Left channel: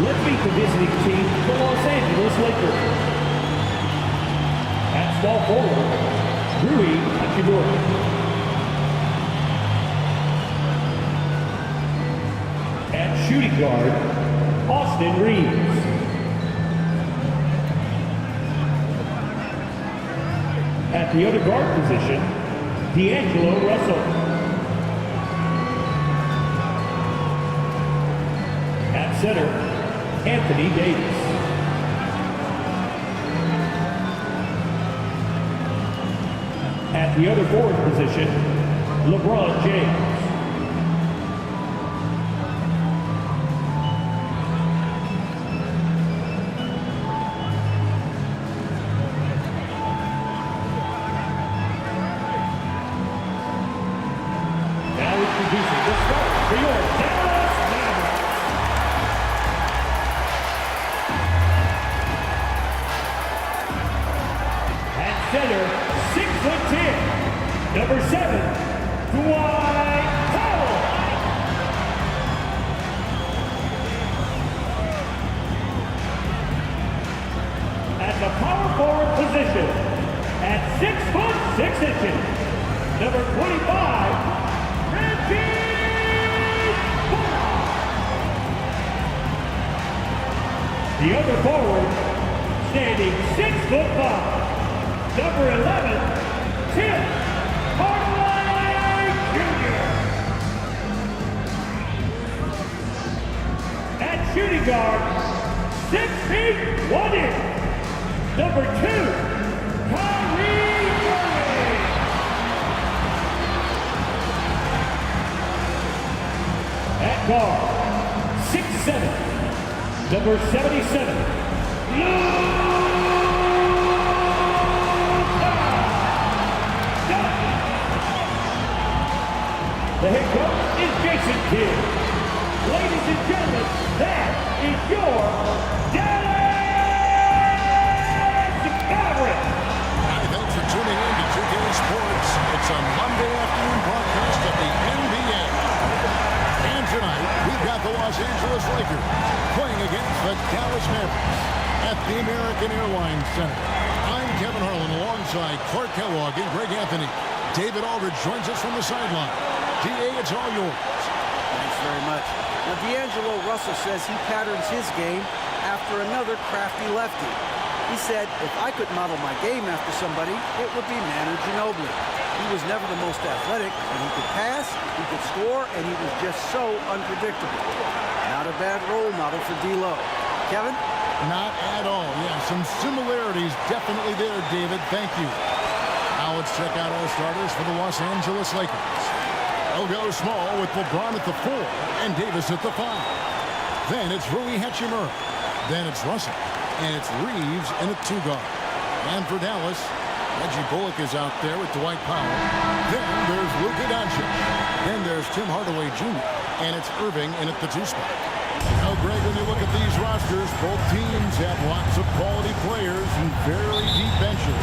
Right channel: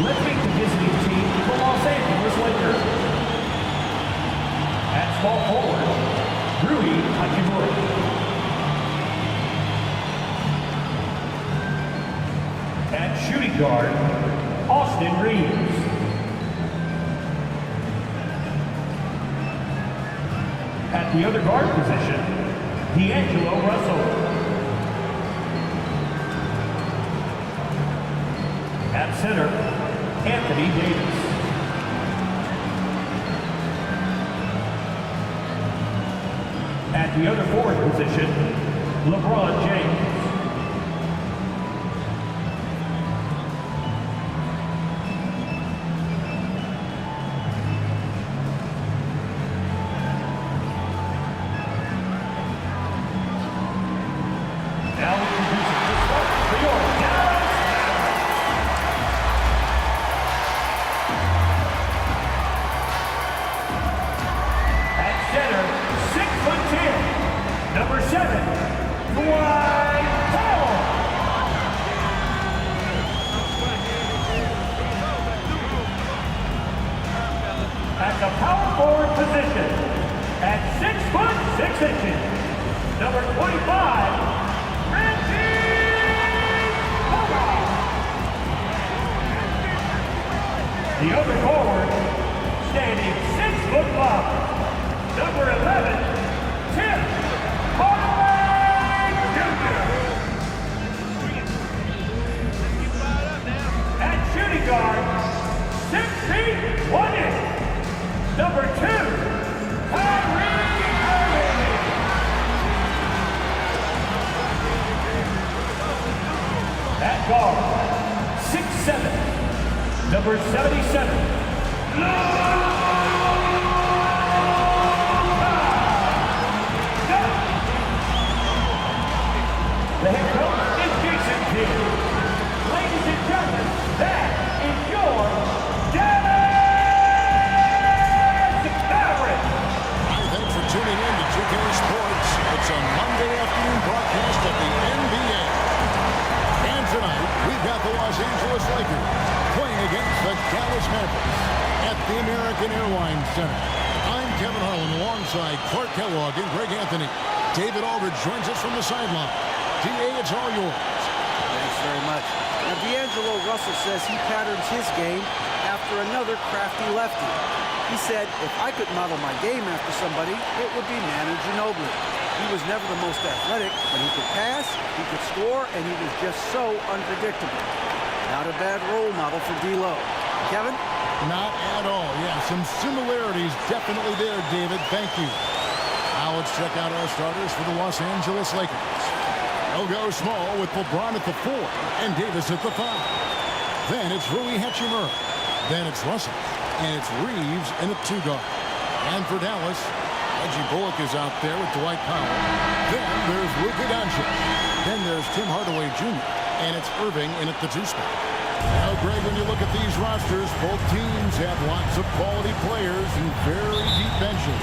Let's meet the visiting team, the Los Angeles Lakers. At small forward, Rui Hachimura. At shooting guard, Austin Reeves. At the other guard position, D'Angelo Russell. At center, Anthony Davis. At the other forward position, LeBron James. Now introducing the starters for your Dallas Mavericks. At center, 6'10", number 7, Dwight Powell. At the power forward position, at 6'6", number 25, the other forward, standing 6'5", number 11, Tim Hardaway Jr. At shooting guard, 6 feet 1 inch, number 2, Kyrie Irving. At guard, 6'7", number 77, Luka. The head coach is Jason Kidd. Ladies and gentlemen, that is your Dallas Mavericks. Hi, thanks for tuning in to 2K Sports. It's a Monday afternoon broadcast of the NBA. And tonight, we've got the Los Angeles Lakers playing against the Dallas Mavericks at the American Airlines Center. I'm Kevin Harlan alongside Clark Kellogg and Greg Anthony. David Aldridge joins us from the sideline. D.A., it's all yours. Thanks very much. Now, D'Angelo Russell says he patterns his game after another crafty lefty. He said, if I could model my game after somebody, it would be Manu Ginobili. He was never the most athletic, but he could pass, he could score, and he was just so unpredictable. Not a bad role model for D-Lo. Kevin? Not at all. Yeah, some similarities definitely there, David. Thank you. Now let's check out our starters for the Los Angeles Lakers. They'll go small with LeBron at the 4 and Davis at the 5. Then it's Rui Hachimura. Then it's Russell. And it's Reeves in at 2 guard. And for Dallas, Reggie Bullock is out there with Dwight Powell. Then there's Luka Doncic. Then there's Tim Hardaway Jr. And it's Irving in at the 2 spot. Now, Greg, when you look at these rosters, both teams have lots of quality players and very deep benches.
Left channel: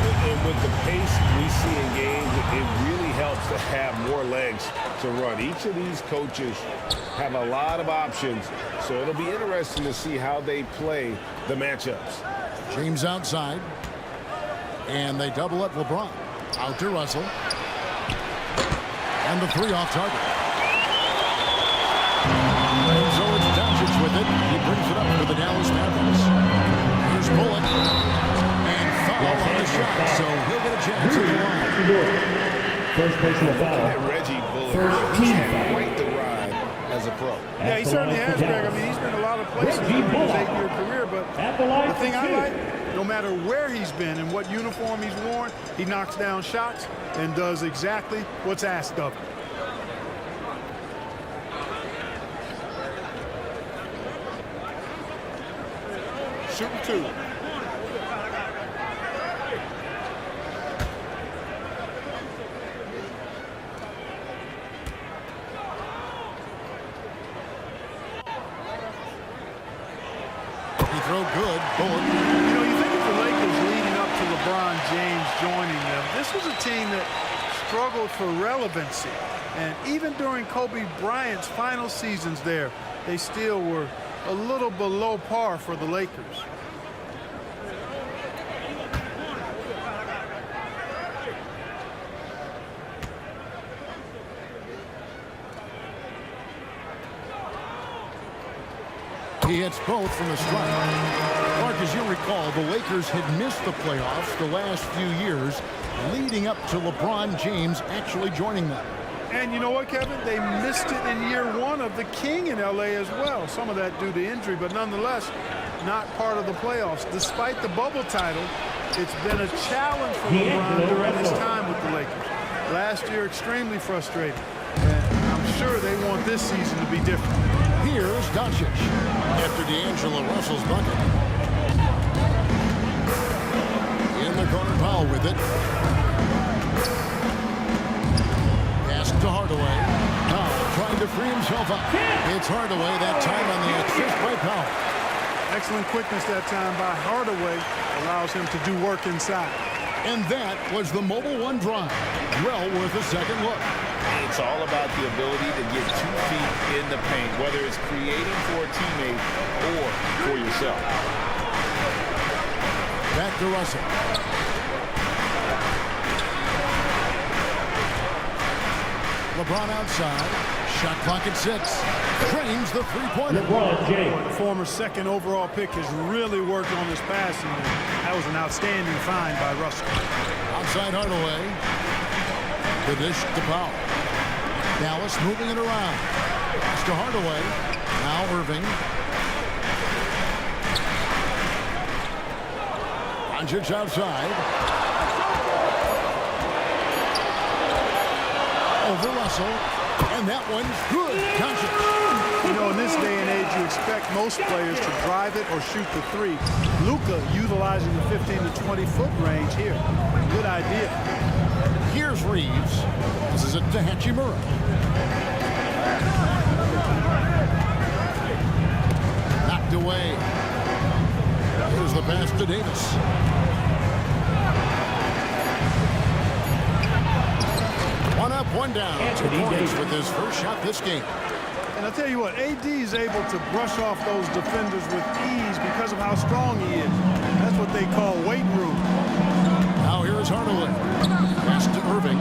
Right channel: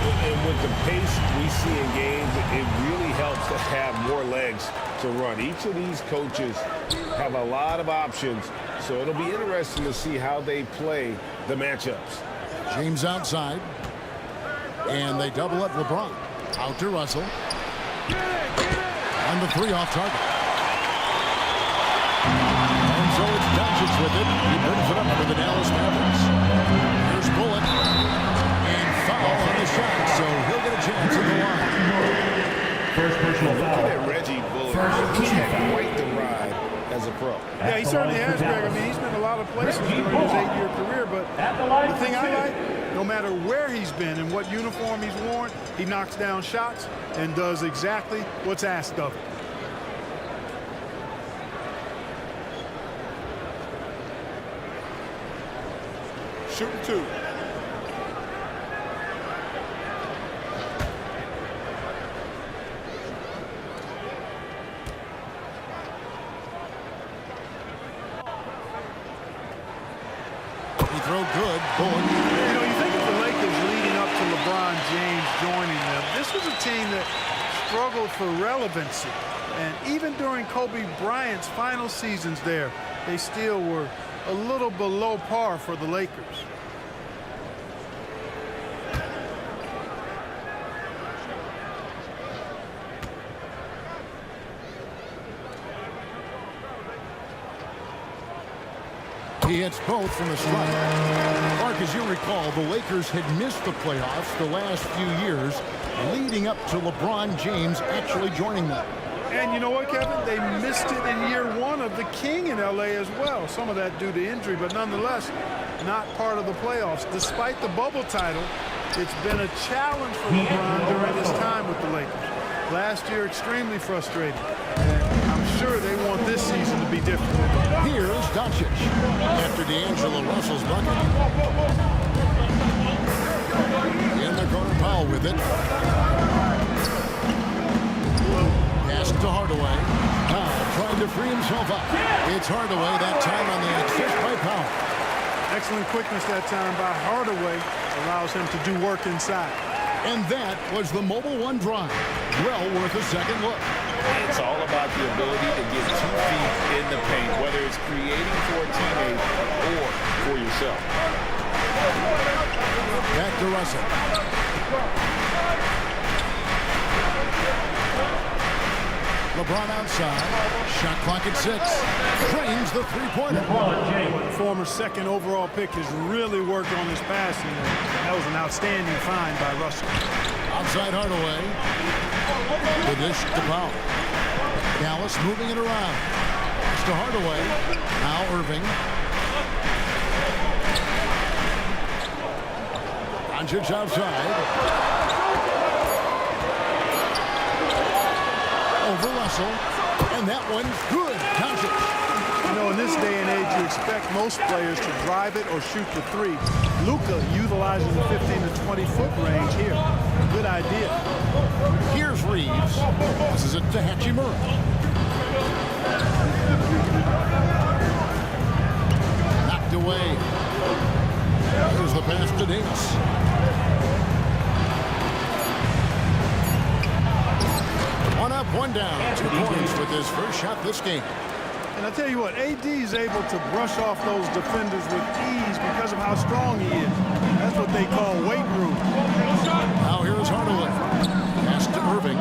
And with the pace we see in games, it really helps to have more legs to run. Each of these coaches have a lot of options, so it'll be interesting to see how they play the matchups. James outside. And they double up LeBron. Out to Russell. And the three off target. And so it's Doncic with it. He brings it up for the Dallas Mavericks. Here's Bullock. And foul on the shot, so he'll get a chance at the line. First personal foul. Looking at Reggie Bullock, he's had quite the ride as a pro. Yeah, he certainly has, Greg. I mean, he's been a lot of places during his 8-year career, but the thing I like, no matter where he's been and what uniform he's worn, he knocks down shots and does exactly what's asked of him. Shooting two. Free throw good. Bullock. You know, you think of the Lakers leading up to LeBron James joining them. This was a team that struggled for relevancy. And even during Kobe Bryant's final seasons there, they still were a little below par for the Lakers. He hits both from the strike. Mark, as you recall, the Lakers had missed the playoffs the last few years, leading up to LeBron James actually joining them. And you know what, Kevin? They missed it in year one of the King in L.A. as well. Some of that due to injury, but nonetheless, not part of the playoffs. Despite the bubble title, it's been a challenge for LeBron during his time with the Lakers. Last year, extremely frustrating. And I'm sure they want this season to be different. Here's Doncic after D'Angelo Russell's bucket. In the corner, Powell with it. Pass to Hardaway. Powell trying to free himself up. It's Hardaway that time on the assist by Powell. Excellent quickness that time by Hardaway. Allows him to do work inside. And that was the Mobile One drive. Well worth a second look. It's all about the ability to get 2 feet in the paint, whether it's creating for a teammate or for yourself. Back to Russell. LeBron outside. Shot clock at 6. Drains the three-pointer. The former second overall pick has really worked on his passing. That was an outstanding find by Russell. Outside Hardaway. The dish to Powell. Dallas moving it around. It's to Hardaway. Now Irving. Doncic outside. Over Russell. And that one's good. Doncic. You know, in this day and age, you expect most players to drive it or shoot the three. Luka utilizing the 15 to 20-foot range here. Good idea. Here's Reeves. This is it to Hachimura. Knocked away. Here's the pass to Davis. One up, one down. 2 points with his first shot this game. And I tell you what, AD is able to brush off those defenders with ease because of how strong he is. That's what they call weight room. Now here's Hardaway. Pass to Irving.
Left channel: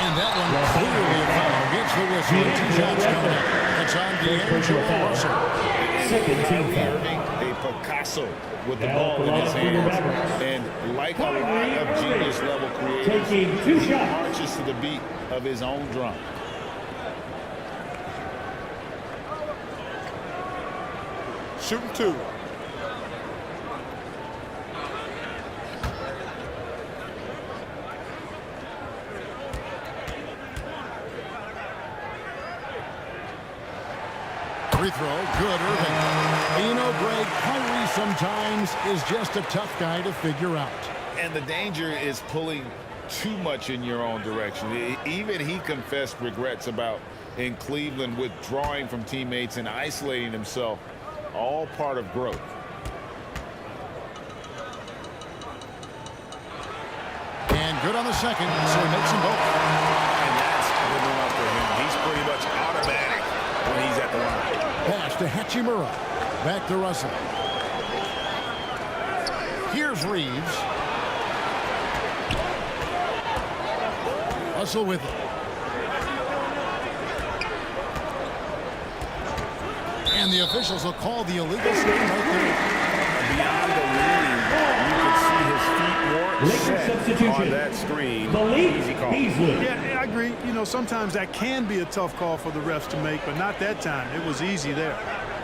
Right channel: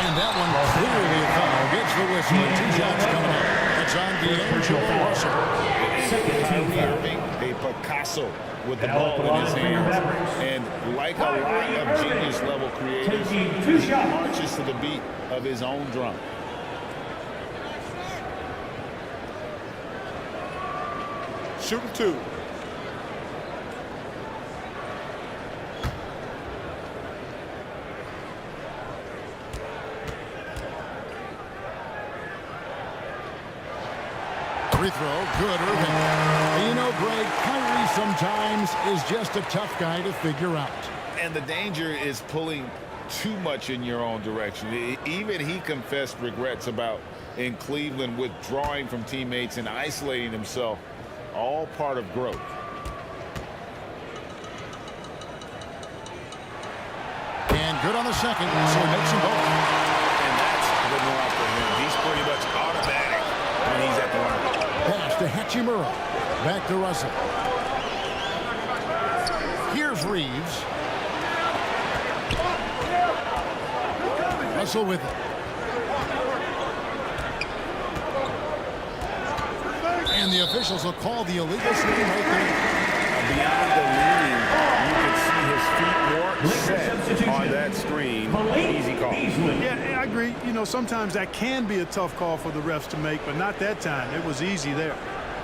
And that one clearly a foul. Gets the whistle and 2 shots coming up. That's on D'Angelo Russell. Kyrie Irving, a Picasso with the ball in his hands. And like a lot of genius-level creators, he marches to the beat of his own drum. Shooting 2. Free throw, good, Irving. You know, Greg, Kyrie sometimes is just a tough guy to figure out. And the danger is pulling too much in your own direction. Even he confessed regrets about in Cleveland withdrawing from teammates and isolating himself all part of growth. And good on the second, so he makes them both. And that's the norm for him. He's pretty much automatic when he's at the line. Pass to Hachimura. Back to Russell. Here's Reeves. Russell with it. And the officials will call the illegal swing right there. Beyond the leaning, you can see his feet more set on that screen. Easy call. Yeah, I agree. You know, sometimes that can be a tough call for the refs to make, but not that time. It was easy there.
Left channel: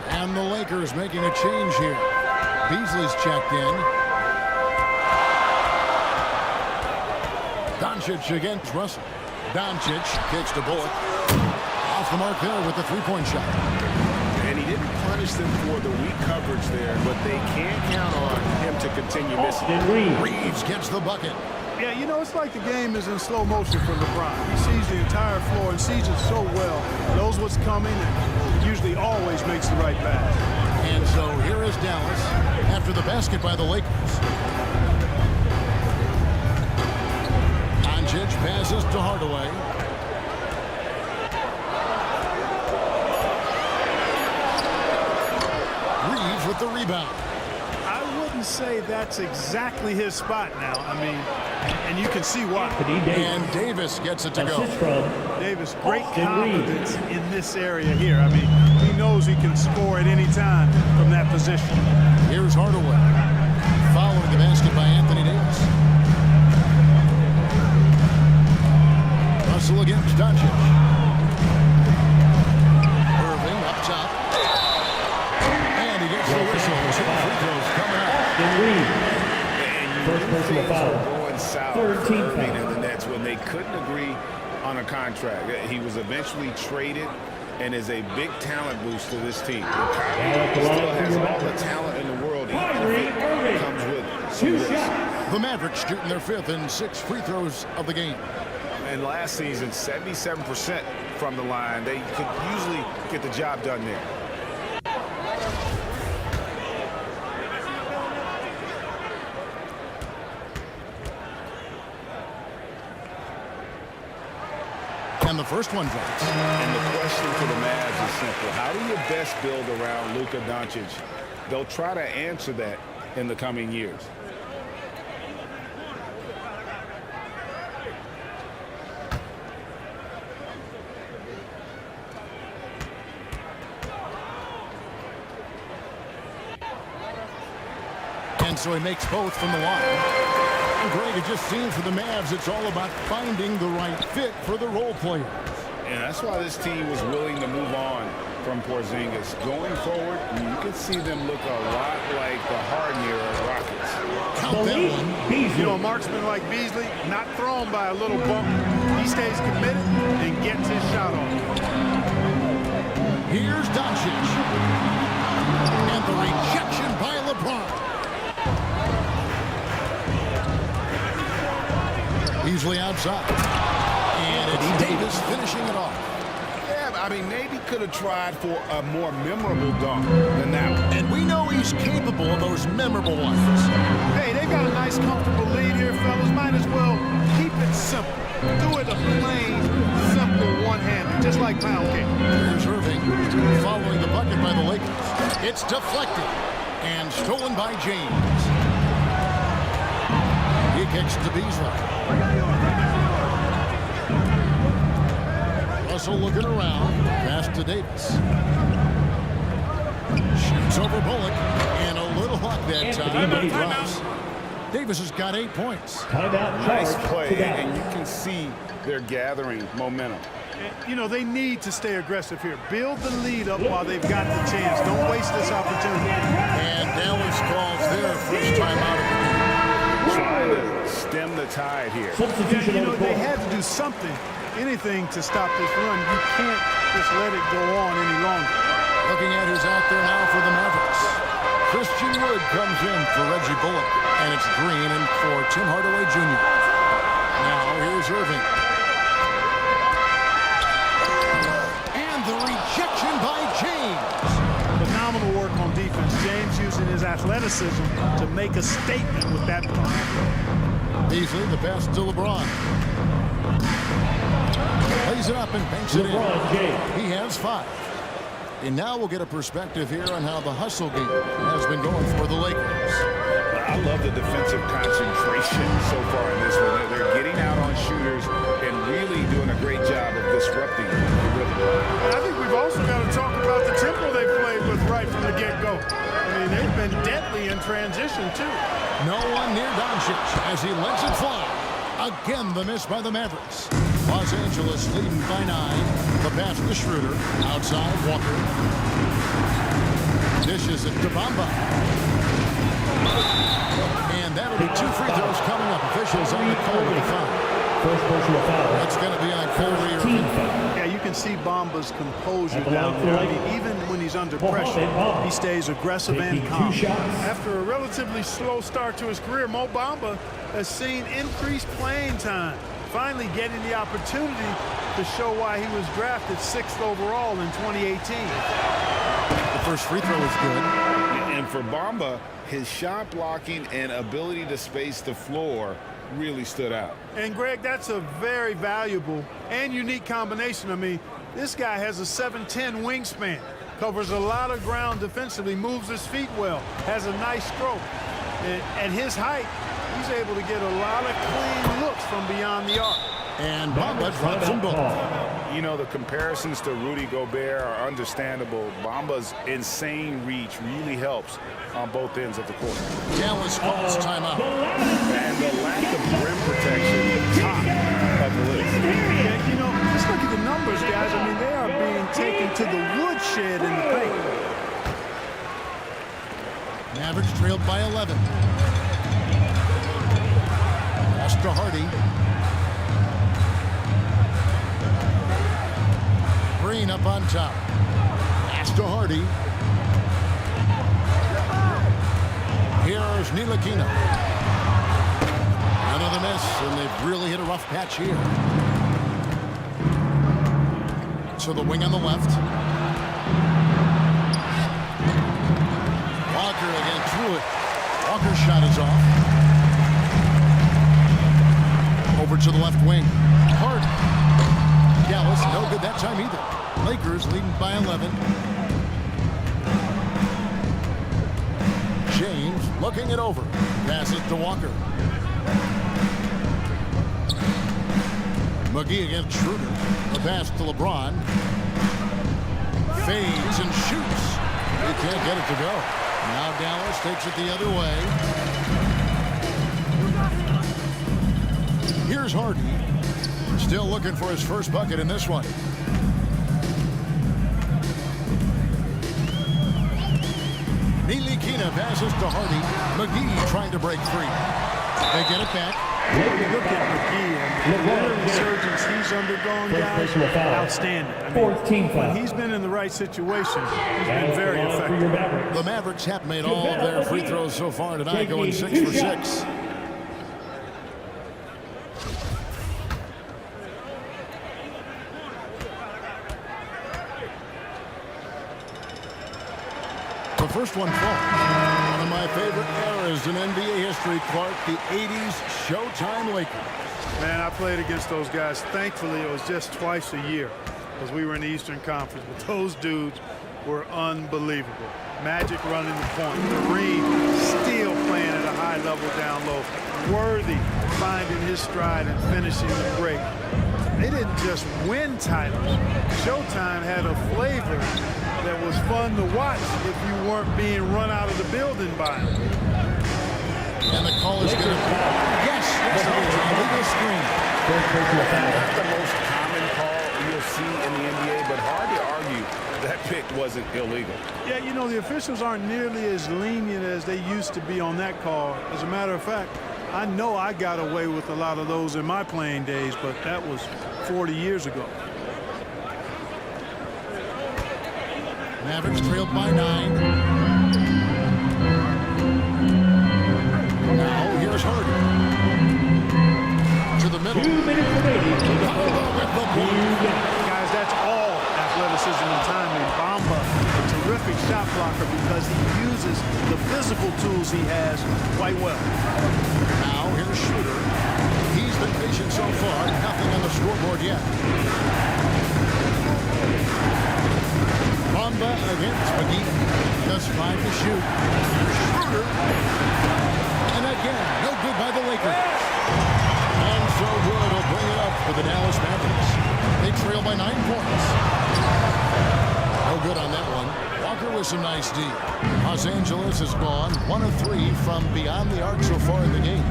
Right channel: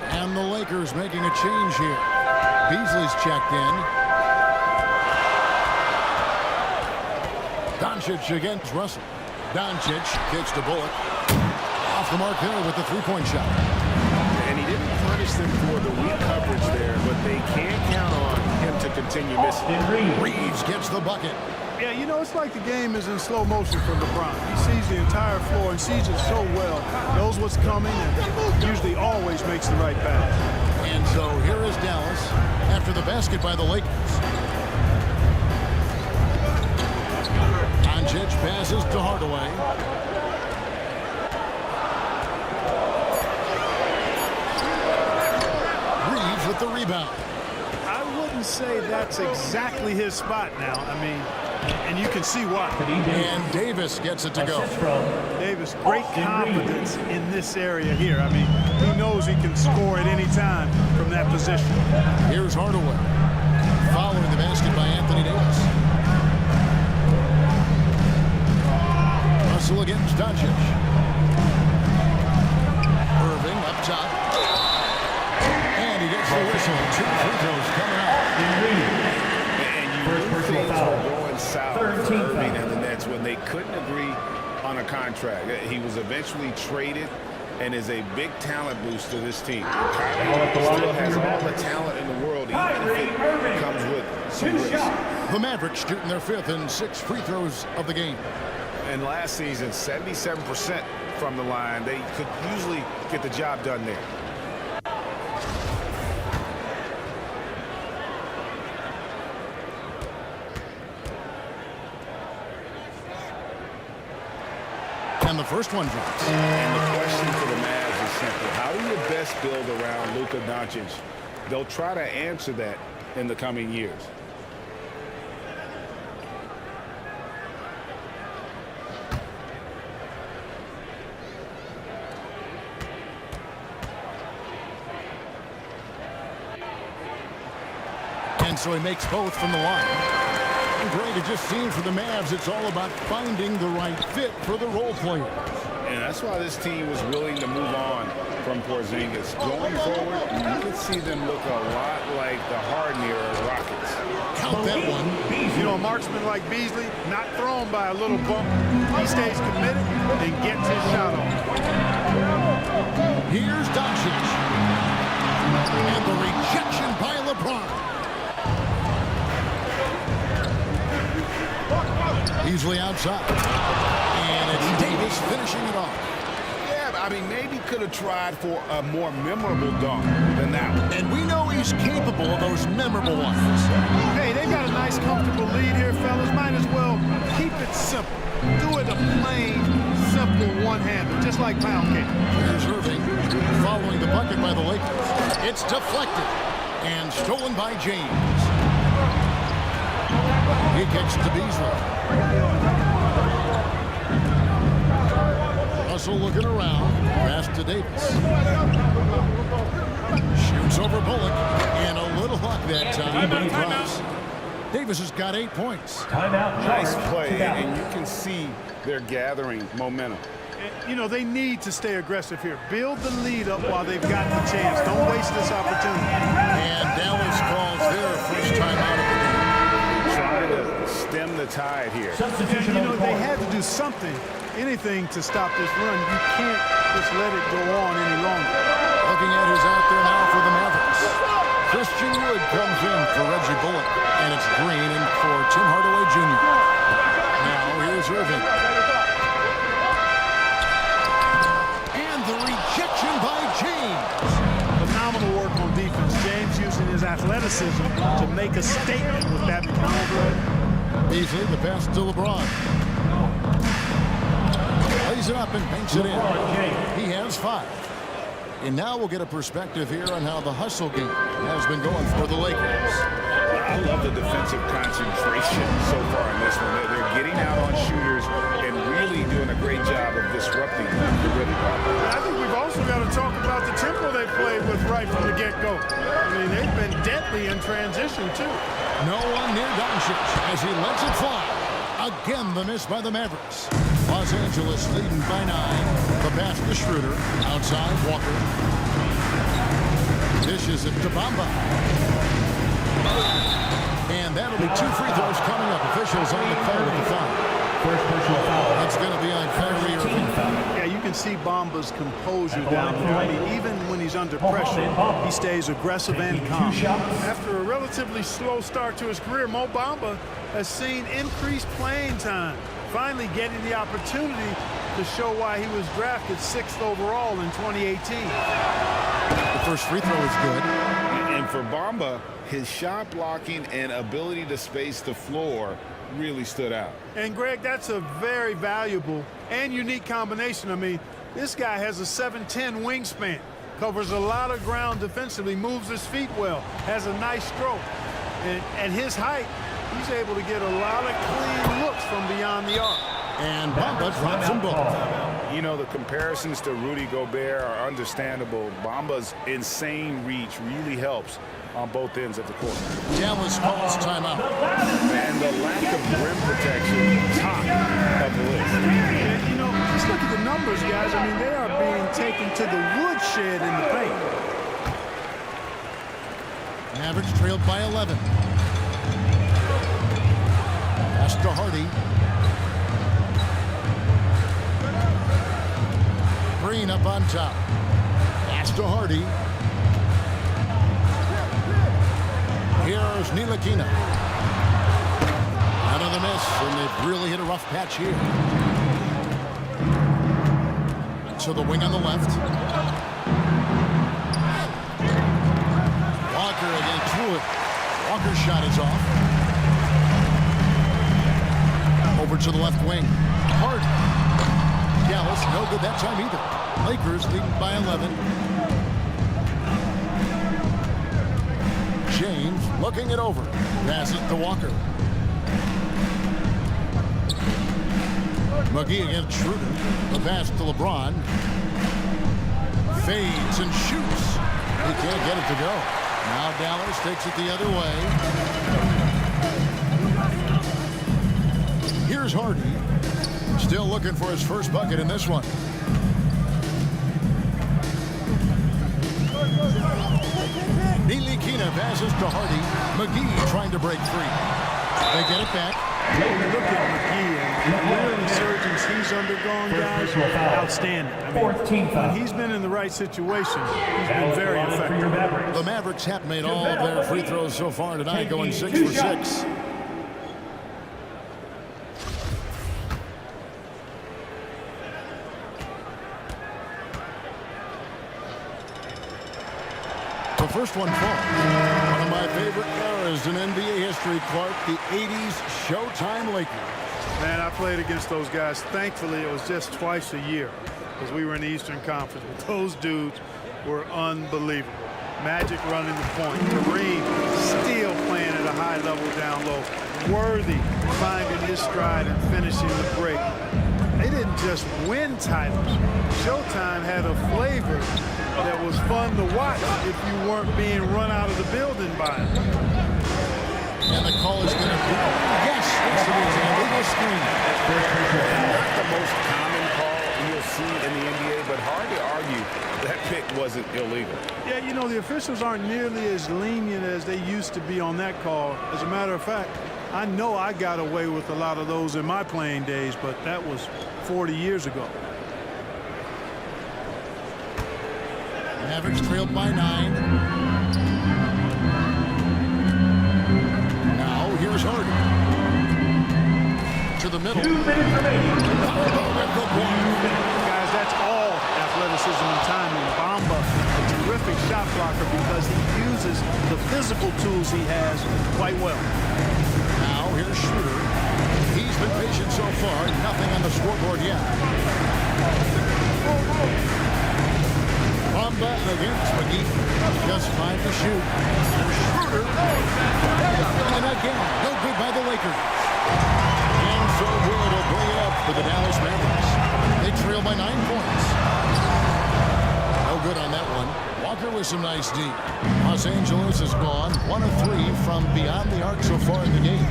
And the Lakers making a change here. Beasley's checked in. Doncic against Russell. Doncic kicks to Bullock. Off the mark there with the three-point shot. And he didn't punish them for the weak coverage there, but they can't count on him to continue missing. Reeves gets the bucket. Yeah, you know, it's like the game is in slow motion for LeBron. He sees the entire floor and sees it so well, knows what's coming, and usually always makes the right pass. And so here is Dallas after the basket by the Lakers. Doncic passes to Hardaway. Reeves with the rebound. I wouldn't say that's exactly his spot now. I mean, and you can see why. And Davis gets it to go. Davis, great confidence in this area here. I mean, he knows he can score at any time from that position. Here's Hardaway. Following the basket by Anthony Davis. Russell against Doncic. Irving up top. And he gets the whistle. 2 free throws coming up. And you knew things were going south for Irving and the Nets when they couldn't agree on a contract. He was eventually traded and is a big talent boost to this team. And Kyrie still has all the talent in the world, even if it comes with some risk. The Mavericks shooting their 5th and 6 free throws of the game. And last season, 77% from the line. They could usually get the job done there. And the first one drops. And the question for the Mavs is simple. How do you best build around Luka Doncic? They'll try to answer that in the coming years. And so he makes both from the line. And Greg, it just seems for the Mavs, it's all about finding the right fit for the role players. And that's why this team was willing to move on from Porzingis. Going forward, you can see them look a lot like the Harden era Rockets. Count that one. You know, a marksman like Beasley, not thrown by a little bump. He stays committed and gets his shot off. Here's Doncic. And the rejection by LeBron. Beasley outside. And it's Davis finishing it off. Yeah, I mean, maybe could have tried for a more memorable dunk than that one. And we know he's capable of those memorable ones. Hey, they've got a nice, comfortable lead here, fellas. Might as well keep it simple. Do it a plain, simple one-hander, just like pound cake. Here's Irving following the bucket by the Lakers. It's deflected and stolen by James. He kicks to Beasley. Russell looking around. Pass to Davis. Shoots over Bullock. And a little luck that time, but he drops. Davis has got 8 points. Nice play, and you can see they're gathering momentum. You know, they need to stay aggressive here. Build the lead up while they've got the chance. Don't waste this opportunity. And Dallas calls their first timeout of the game. Trying to stem the tide here. You know, they had to do something, anything to stop this run. You can't just let it go on any longer. Looking at who's out there now for the Mavericks. Christian Wood comes in for Reggie Bullock. And it's Green in for Tim Hardaway Jr. Now here's Irving. And the rejection by James. But phenomenal work on defense. James using his athleticism to make a statement with that play. Beasley, the pass to LeBron. Plays it up and banks it in. He has 5. And now we'll get a perspective here on how the hustle game has been going for the Lakers. I love the defensive concentration so far in this one. They're getting out on shooters and really doing a great job of disrupting the rhythm. And I think we've also got to talk about the tempo they played with right from the get-go. I mean, they've been deadly in transition, too. No one near Doncic as he lets it fly. Again, the miss by the Mavericks. Los Angeles leading by 9. The pass to Schroeder. Outside, Walker. Dishes it to Bamba. And that'll be 2 free throws coming up. Officials on the call with the foul. First personal foul. That's going to be on Kyrie Irving. Yeah, you can see Bamba's composure down there. I mean, even when he's under pressure, he stays aggressive and calm. After a relatively slow start to his career, Mo Bamba has seen increased playing time, finally getting the opportunity to show why he was drafted 6th overall in 2018. The first free throw is good. And for Bamba, his shot blocking and ability to space the floor really stood out. And Greg, that's a very valuable and unique combination. I mean, this guy has a 7'10" wingspan, covers a lot of ground defensively, moves his feet well, has a nice stroke. And at his height, he's able to get a lot of clean looks from beyond the arc. And Bamba drops them both. You know, the comparisons to Rudy Gobert are understandable. Bamba's insane reach really helps on both ends of the court. Dallas calls timeout. And the lack of rim protection, top of the list. Yeah, you know, just look at the numbers, guys. I mean, they are being taken to the woodshed in the paint. Mavericks trailed by 11. Pass to Hardy. Green up on top. Pass to Hardy. Here's Ntilikina. Another miss, and they've really hit a rough patch here. So the wing on the left. Walker again through it. Walker's shot is off. Over to the left wing. Hardy. Dallas, no good that time either. Lakers leading by 11. James looking it over. Passes to Walker. McGee against Schroeder. The pass to LeBron. Fades and shoots. He can't get it to go. Now Dallas takes it the other way. Here's Hardy. Still looking for his first bucket in this one. Ntilikina passes to Hardy. McGee trying to break free. They get it back. You look at McGee and the real resurgence he's undergone, guys, outstanding. I mean, when he's been in the right situation, he's been very effective. The Mavericks have made all of their free throws so far tonight, going 6 for 6. The first one falls. One of my favorite eras in NBA history, Clark, the 80s Showtime Lakers. Man, I played against those guys. Thankfully, it was just twice a year because we were in the Eastern Conference. But those dudes were unbelievable. Magic running the point. Kareem still playing at a high level down low. Worthy finding his stride and finishing the break. They didn't just win titles. Showtime had a flavor that was fun to watch if you weren't being run out of the building by them. And the call is going to be, yes, it is an illegal screen. Not the most common call you'll see in the NBA, but hard to argue that pick wasn't illegal. Yeah, you know, the officials aren't nearly as lenient as they used to be on that call. As a matter of fact, I know I got away with a lot of those in my playing days, but that was 40 years ago. Mavericks trailed by 9. Now here's Hardy. To the middle. 2 minutes remaining. With the block. Guys, That's all athleticism and timing. Bamba, a terrific shot blocker because he uses the physical tools he has quite well. Now here's Schroeder. He's been patient so far. Nothing on the scoreboard yet. Bamba against McGee. Just 5 to shoot. Here's Schroeder. And again, no good by the Lakers. And so Wood will bring it up for the Dallas Mavericks. They trail by 9 points. No good on that one. Walker with some nice D. Los Angeles is gone 1 of 3 from beyond the arc so far in the game.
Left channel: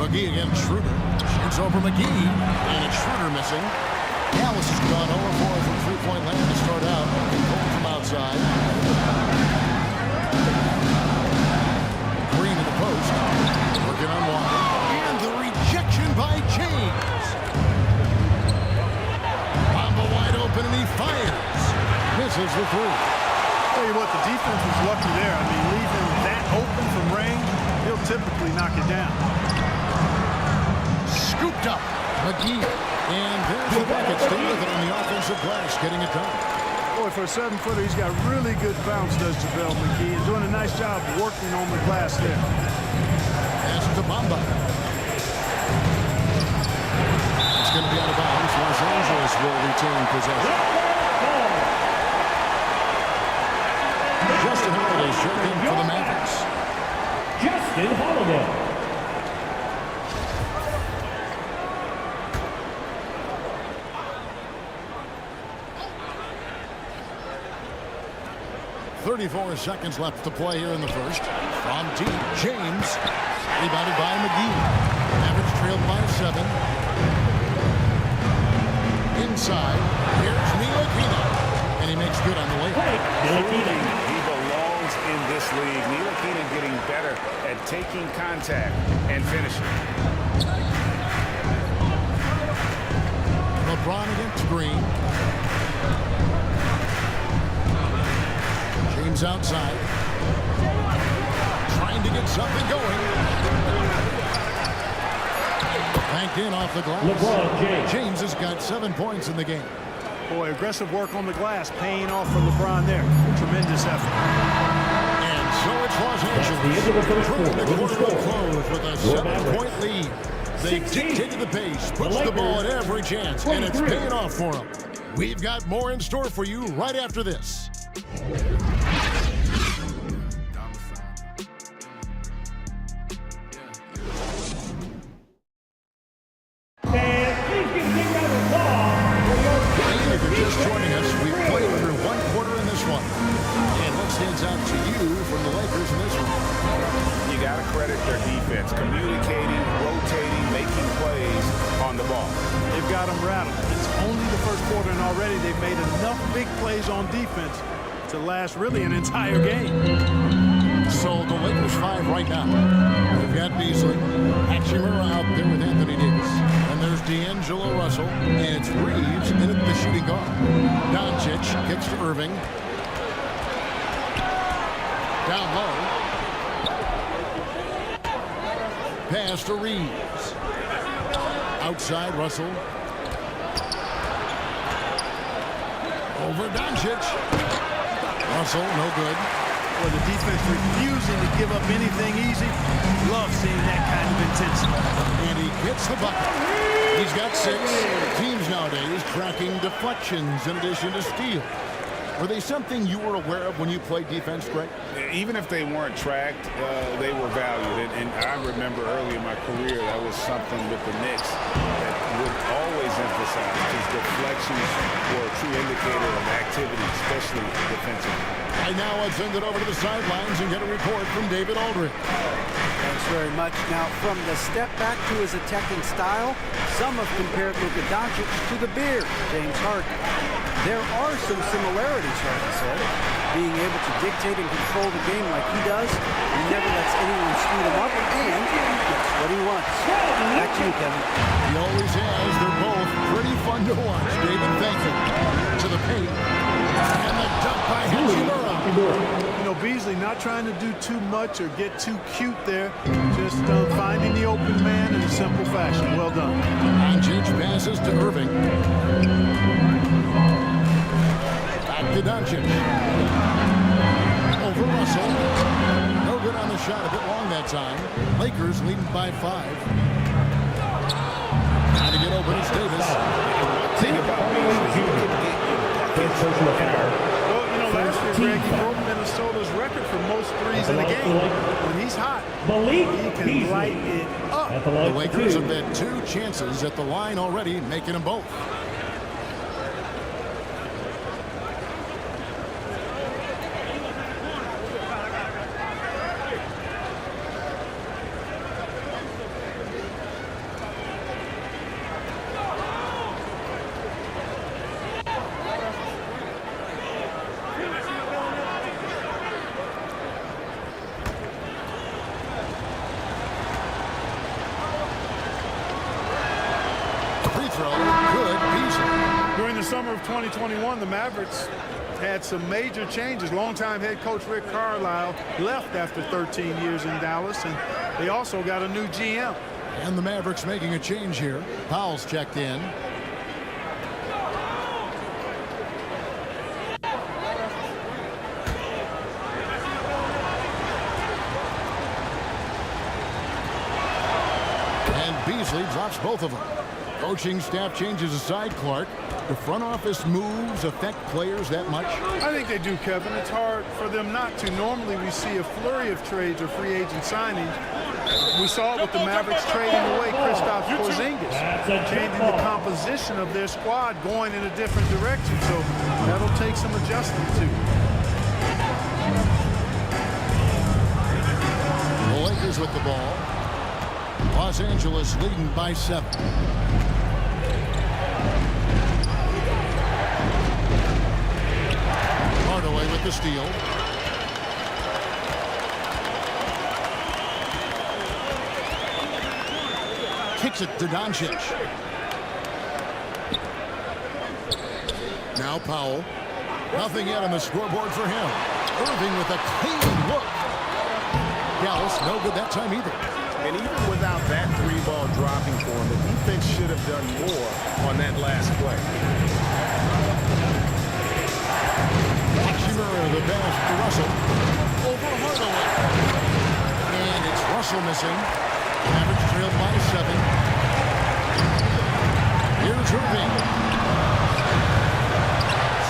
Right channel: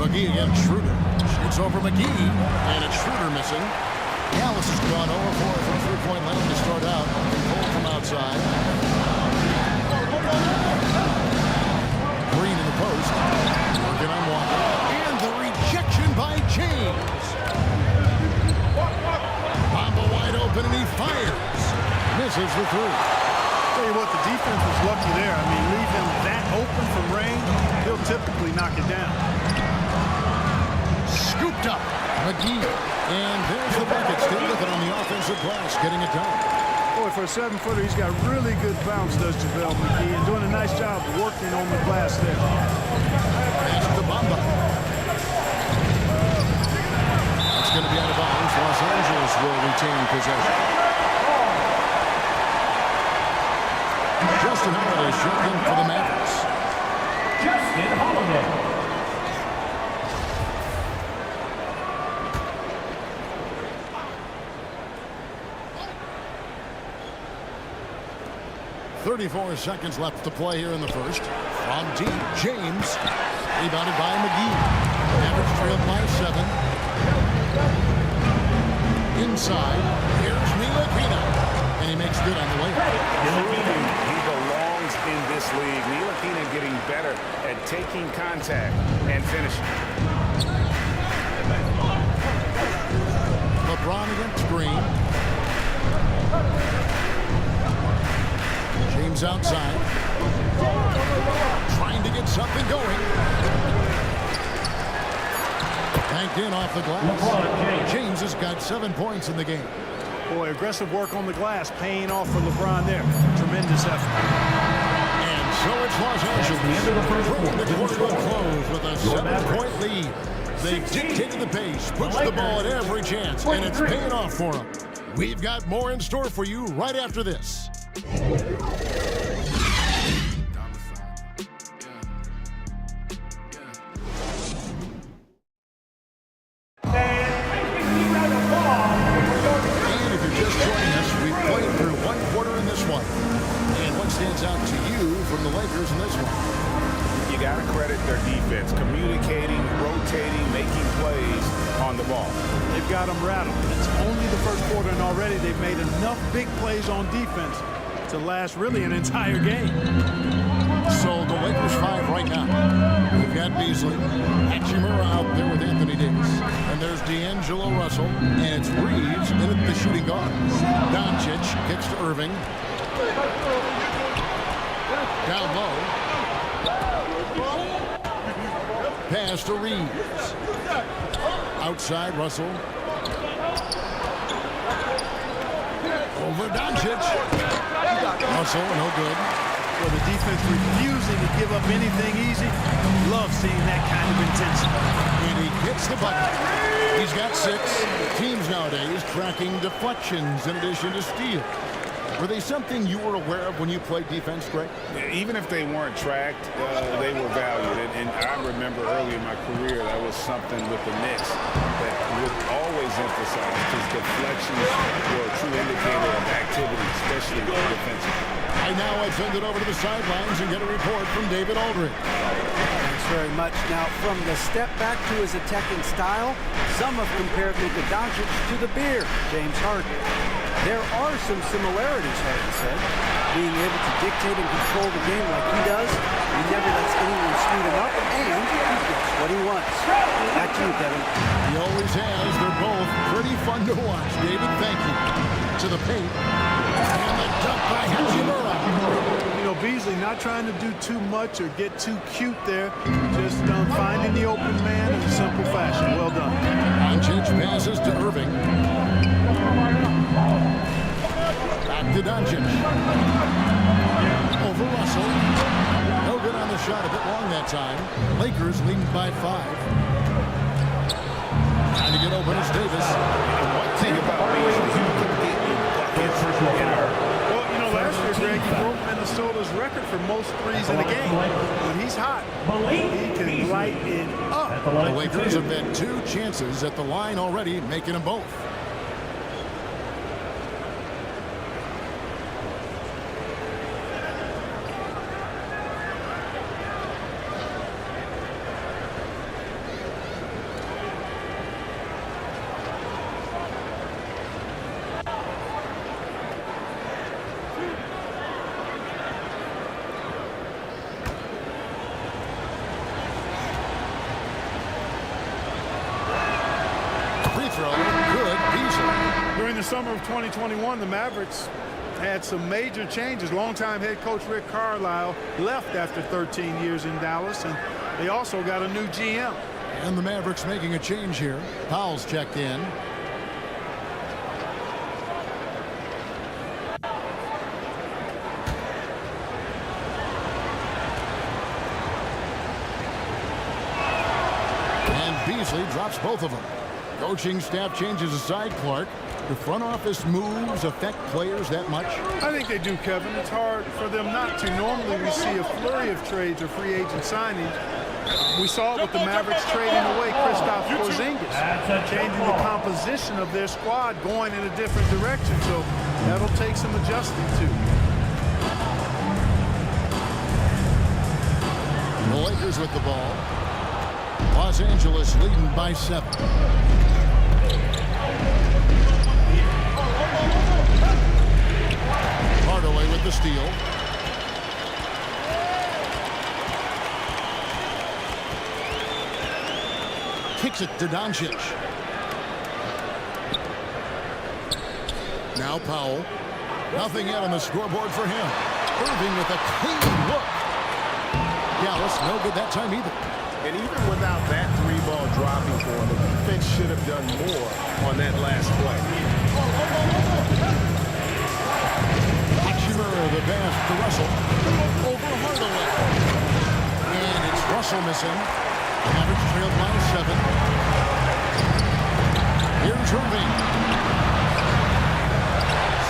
McGee against Schroeder. Shoots over McGee. And it's Schroeder missing. Dallas has gone 0 of 4 from three-point land to start out. Cole from outside. Green in the post. Working on Walker. And the rejection by James. Bamba wide open and he fires. Misses the three. Tell you what, the defense was lucky there. I mean, leave him that open from range, he'll typically knock it down. Scooped up. McGee. And there's the bucket. Stay with it on the offensive glass, getting it done. Boy, for a 7-footer, he's got really good bounce, does JaVale McGee, and doing a nice job working on the glass there. Pass to Bamba. That's going to be out of bounds. Los Angeles will retain possession. Justin Holiday checked in for the Mavericks. Justin Holiday. .34 seconds left to play here in the first. From deep, James. Rebounded by McGee. Mavericks trailed by 7. Inside, here's Ntilikina. And he makes good on the way. Proving he belongs in this league. Ntilikina getting better at taking contact and finishing. LeBron against Green. James outside. Trying to get something going. Banked in off the glass. LeBron James. James has got 7 points in the game. Boy, aggressive work on the glass, paying off for LeBron there. Tremendous effort. And so it's Los Angeles. the end of the first Bringing the quarter. quarter to a close with a 7-point lead. They 16. dictated the pace, puts the ball at every chance, and it's 23. paying off for them. We've got more in store for you right after this. And if you're just joining us, we've played through 1 quarter in this one. And what stands out to you from the Lakers in this one? You got to credit their defense, communicating, rotating, making plays on the ball. They've got them rattled. It's only the first quarter, and already they've made enough big plays on defense to last really an entire game. So the Lakers 5 right now. We've got Beasley, Hachimura out there with Anthony Davis, and there's D'Angelo Russell, and it's Reeves in at the shooting guard. Doncic kicks to Irving. Down low. Pass to Reeves. Outside, Russell. Over Doncic. Russell, no good. Well, the defense refusing to give up anything easy. Love seeing that kind of intensity. And he gets the bucket. He's got 6. Teams nowadays tracking deflections in addition to steals. Were they something you were aware of when you played defense, Greg? Even if they weren't tracked, they were valued. And I remember early in my career, that was something with the Knicks that would always emphasize, because deflections were a true indicator of activity, especially defensively. I now send it over to the sidelines and get a report from David Aldridge. Thanks very much. Now, from the step back to his attacking style, some have compared Luka Doncic to the Beard, James Harden. There are some similarities, Harden said. Being able to dictate and control the game like he does, he never lets anyone speed him up, and he gets what he wants. Back to you, Kevin. He always has. They're both pretty fun to watch. David, thank you. To the paint. And the dunk by Hachimura. You know, Beasley not trying to do too much or get too cute there. Just finding the open man and simple fashion. Well done. Doncic passes to Irving. Back to Doncic. Over Russell. No good on the shot, a bit long that time. Lakers leading by 5. Trying to get open is Davis. And one thing about Beasley, he can get you buckets in a hurry. Well, you know, last year, Greg, he broke Minnesota's record for most threes in a game. When he's hot, he can light it up. The Lakers have had 2 chances at the line already, making them both. Free throw, good, Beasley. During the summer of 2021, the Mavericks had some major changes. Longtime head coach Rick Carlisle left after 13 years in Dallas, and they also got a new GM. And the Mavericks making a change here. Powell's checked in. And Beasley drops both of them. Coaching staff changes aside, Clark. The front office moves affect players that much? I think they do, Kevin. It's hard for them not to. Normally we see a flurry of trades or free agent signings. We saw it with the Mavericks trading away Kristaps Porzingis, changing the composition of their squad, going in a different direction. So that'll take some adjusting too. The Lakers with the ball. Los Angeles leading by 7. Hardaway with the steal. Kicks it to Doncic. Now Powell. Nothing yet on the scoreboard for him. Irving with a clean look. Dallas no good that time either. And even without that 3-ball dropping for him, the defense should have done more on that last play. Hachimura the pass to Russell. Over Hardaway. And it's Russell missing. Mavericks trailed by 7. Here's Irving.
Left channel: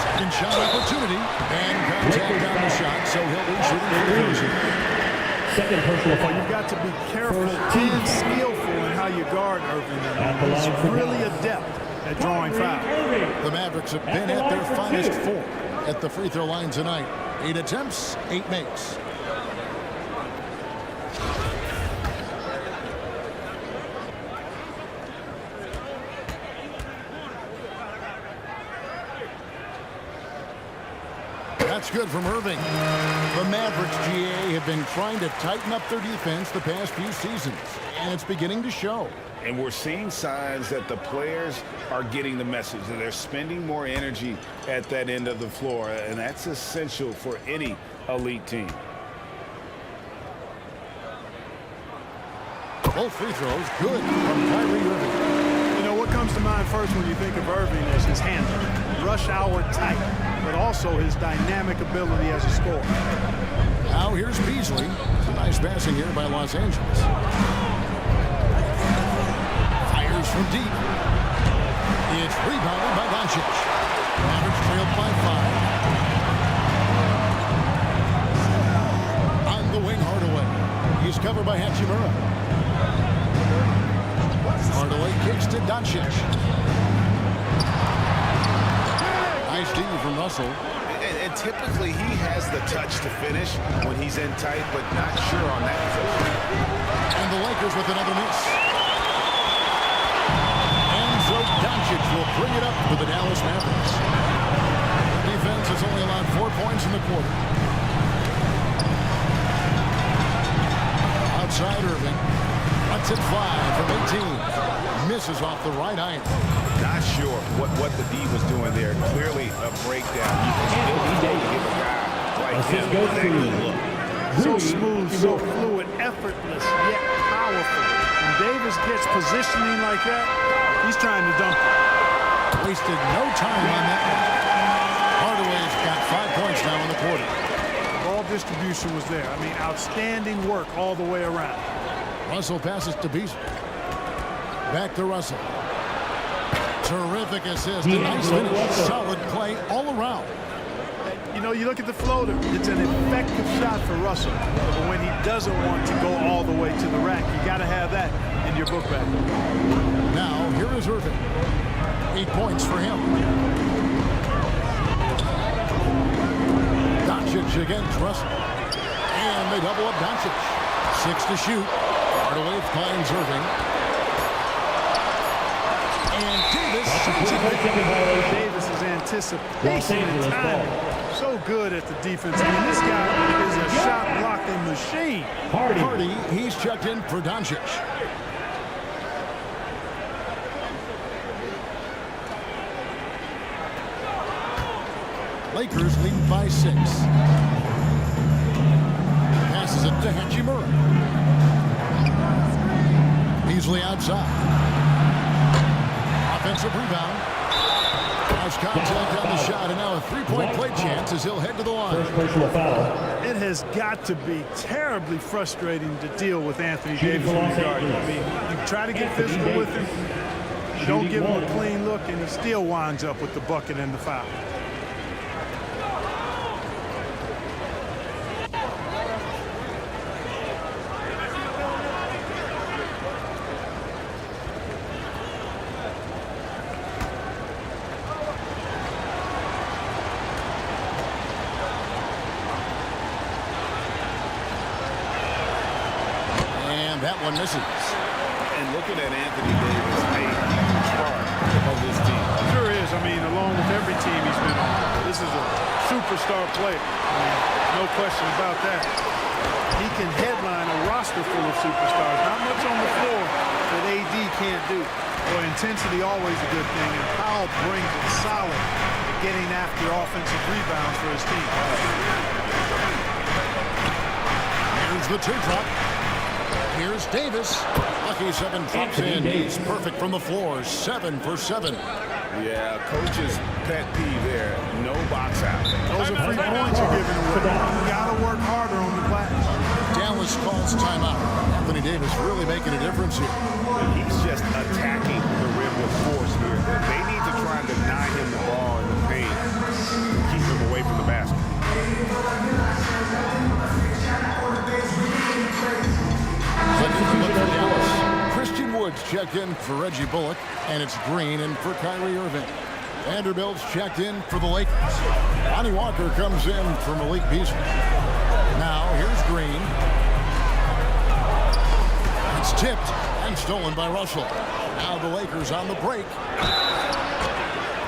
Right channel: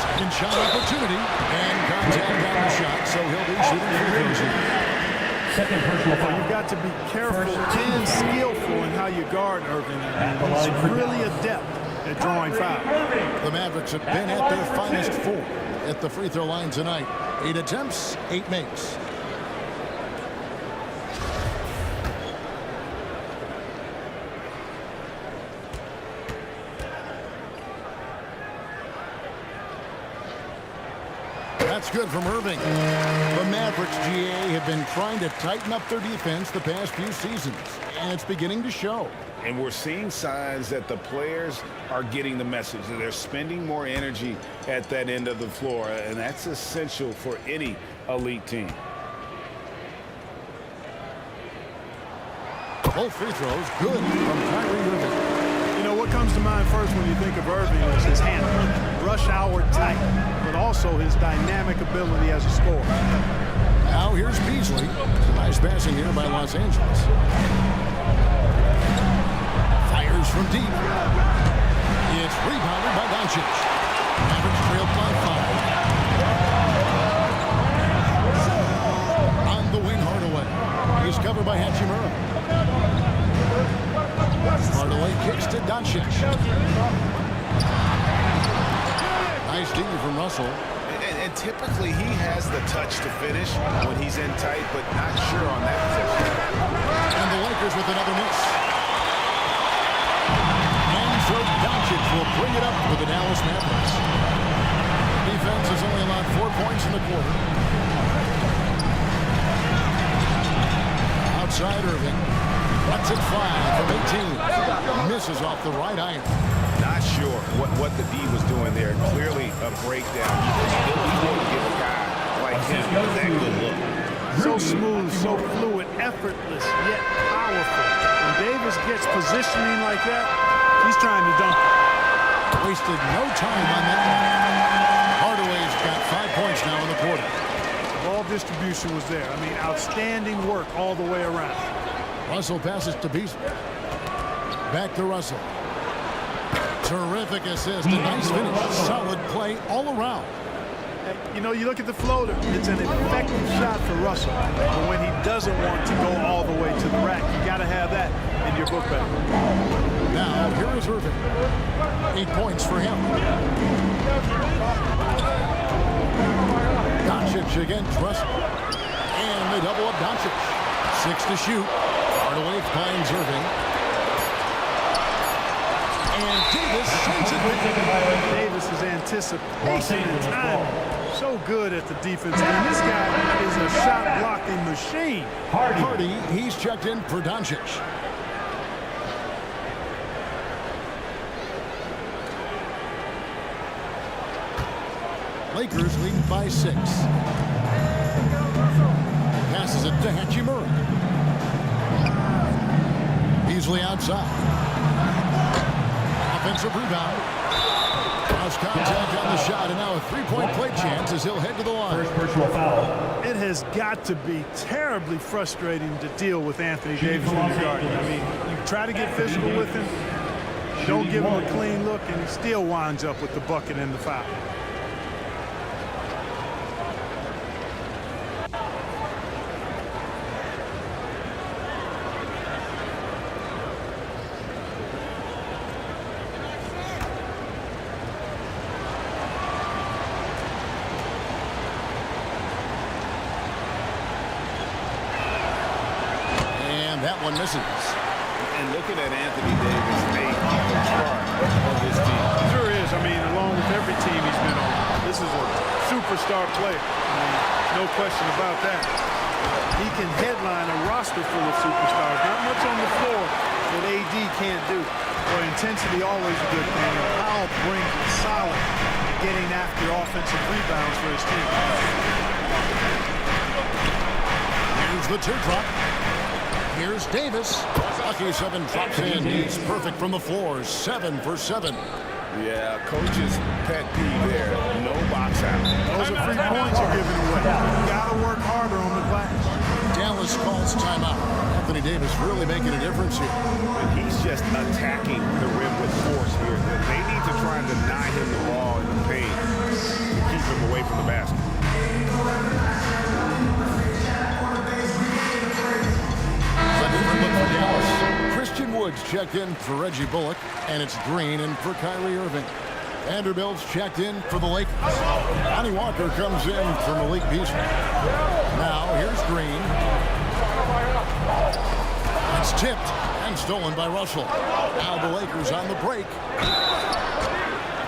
Second shot opportunity. And contact on the shot, so he'll be shooting for the Cruiser. Second personal foul. Well, you've got to be careful and skillful in how you guard Irving. He's really adept at drawing fouls. The Mavericks have been at their finest 4 at the free throw line tonight. 8 attempts, 8 makes. That's good from Irving. The Mavericks, GA, have been trying to tighten up their defense the past few seasons, and it's beginning to show. And we're seeing signs that the players are getting the message, that they're spending more energy at that end of the floor, and that's essential for any elite team. Both free throws good from Kyrie Irving. You know, what comes to mind first when you think of Irving is his handle. Rush hour tight, but also his dynamic ability as a scorer. Now here's Beasley. Some nice passing here by Los Angeles. Fires from deep. It's rebounded by Doncic. Mavericks trailed by 5. On the wing, Hardaway. He's covered by Hachimura. Hardaway kicks to Doncic. Nice D from Russell. And typically he has the touch to finish when he's in tight, but not sure on that possession. And the Lakers with another miss. And so Doncic will bring it up for the Dallas Mavericks. Defense has only allowed 4 points in the quarter. Outside Irving. Lets it fly from 18. Misses off the right iron. Not sure what the D was doing there. Clearly a breakdown. You can still afford to give a guy like him that good look. So smooth, so fluid, effortless, yet powerful. And Davis Davis gets positioning like that, he's trying to dunk it. Wasted no time on that one. Hardaway's got 5 points now in the quarter. Ball distribution was there. I mean, outstanding work all the way around. Russell passes to Beasley. Back to Russell. Terrific assist. A nice finish. Solid play all around. You know, you look at the floater. It's an effective shot for Russell. But when he doesn't want to go all the way to the rack, you got to have that in your book bag. Now, here is Irving. 8 points for him. Doncic against Russell. And they double up Doncic. 6 to shoot. Hardaway finds Irving. And Davis sends it. Davis's anticipation and timing. So good at the defense. I mean, this guy is a shot blocking machine. Hardy, he's checked in for Doncic. Lakers leading by 6. Passes it to Hachimura. Beasley outside. Offensive rebound. Cross contact on the shot, and now a three-point play chance as he'll head to the line. First personal foul. It has got to be terribly frustrating to deal with Anthony Davis when you're guarding. I mean, you try to get physical with him, you don't give him a clean look, and he still winds up with the bucket and the foul. That one misses. And looking at Anthony Davis, a huge part of this team. Sure is. I mean, along with every team he's been on, this is a superstar player. I mean, no question about that. He can headline a roster full of superstars. Not much on the floor that AD can't do. Boy, intensity always a good thing, and Powell brings it solid at getting after offensive rebounds for his team. Here's the teardrop. Here's Davis. Lucky 7 drops in. He's perfect from the floor. 7 for 7. Yeah, coach's pet peeve there. No box out. Those are free points you're giving away. You got to work harder on the glass. Dallas calls timeout. Anthony Davis really making a difference here. And he's just attacking the rim with force here. They need to try and deny him the ball in the paint to keep him away from the basket. Look for Dallas. Christian Woods checked in for Reggie Bullock, and it's Green in for Kyrie Irving. Vanderbilt's checked in for the Lakers. Lonnie Walker comes in for Malik Beasley. Now here's Green. It's tipped and stolen by Russell. Now the Lakers on the break.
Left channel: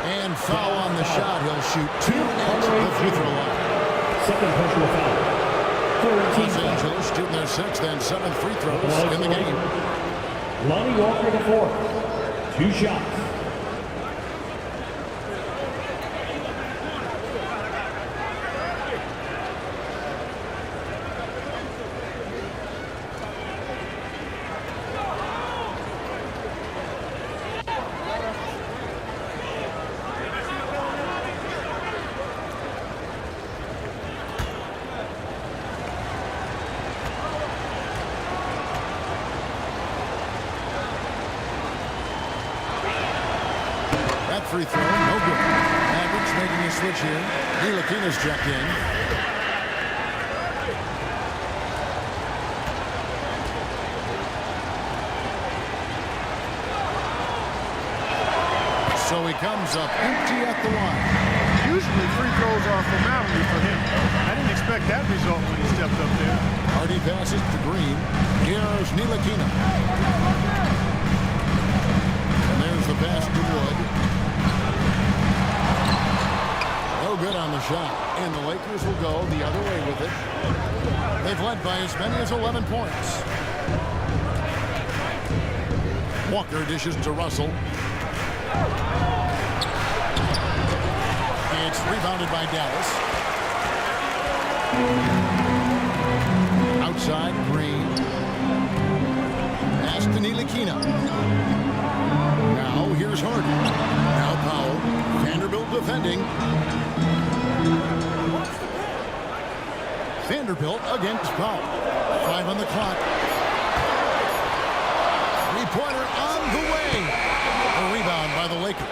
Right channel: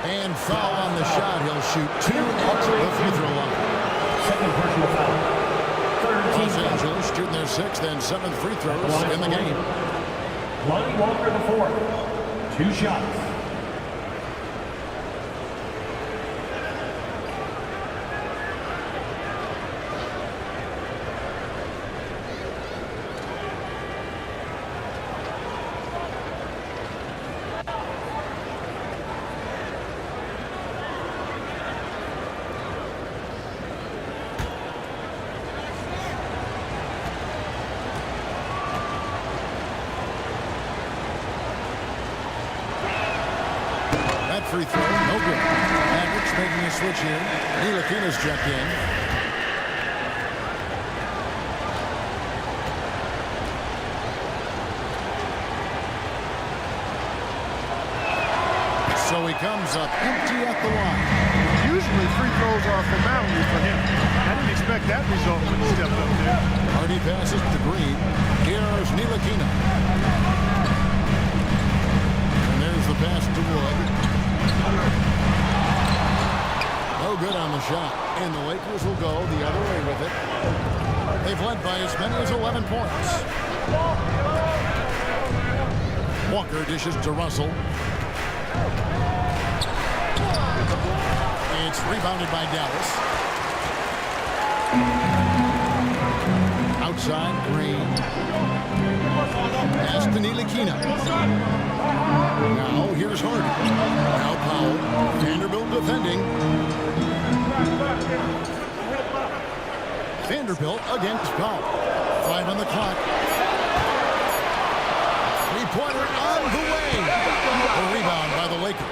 And foul on the shot. He'll shoot 2 at the free throw line. Second personal foul. Los Angeles shooting their 6th and 7th free throws in the game. Lonnie Walker the 4th. 2 shots. That free throw, no good. Mavericks making a switch here. Ntilikina's checked in. So he comes up empty at the line. Usually free throws are a formality for him. I didn't expect that result when he stepped up there. Hardy passes to Green. Here's Ntilikina. And there's the pass to Wood. No good on the shot, and the Lakers will go the other way with it. They've led by as many as 11 points. Walker dishes to Russell. It's rebounded by Dallas. Outside, Green. Pass to Ntilikina. Now here's Hardy. Now Powell. Vanderbilt defending. Vanderbilt against Powell. 5 on the clock. Three-pointer on the way. A rebound by the Lakers.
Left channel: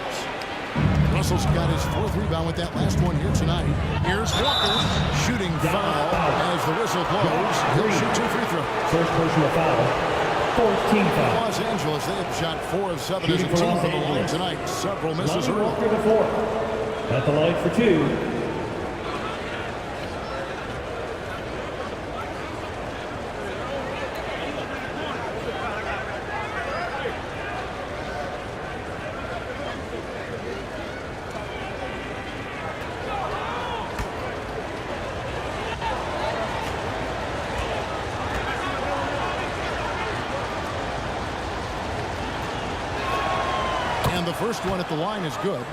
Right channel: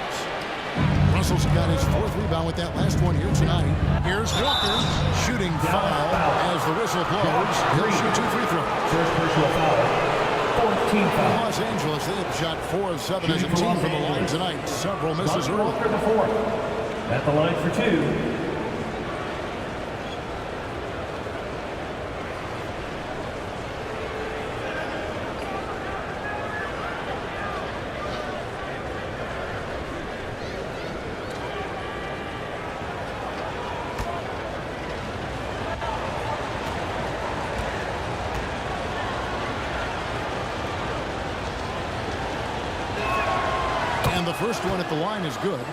Russell's got his 4th rebound with that last one here tonight. Here's Walker. Shooting foul as the whistle blows. He'll shoot 2 free throws. First personal foul. 14 foul. Los Angeles, they have shot 4 of 7 as a team from the line tonight. Several misses early. Walker the 4th. At the line for 2. And the first one at the line is good.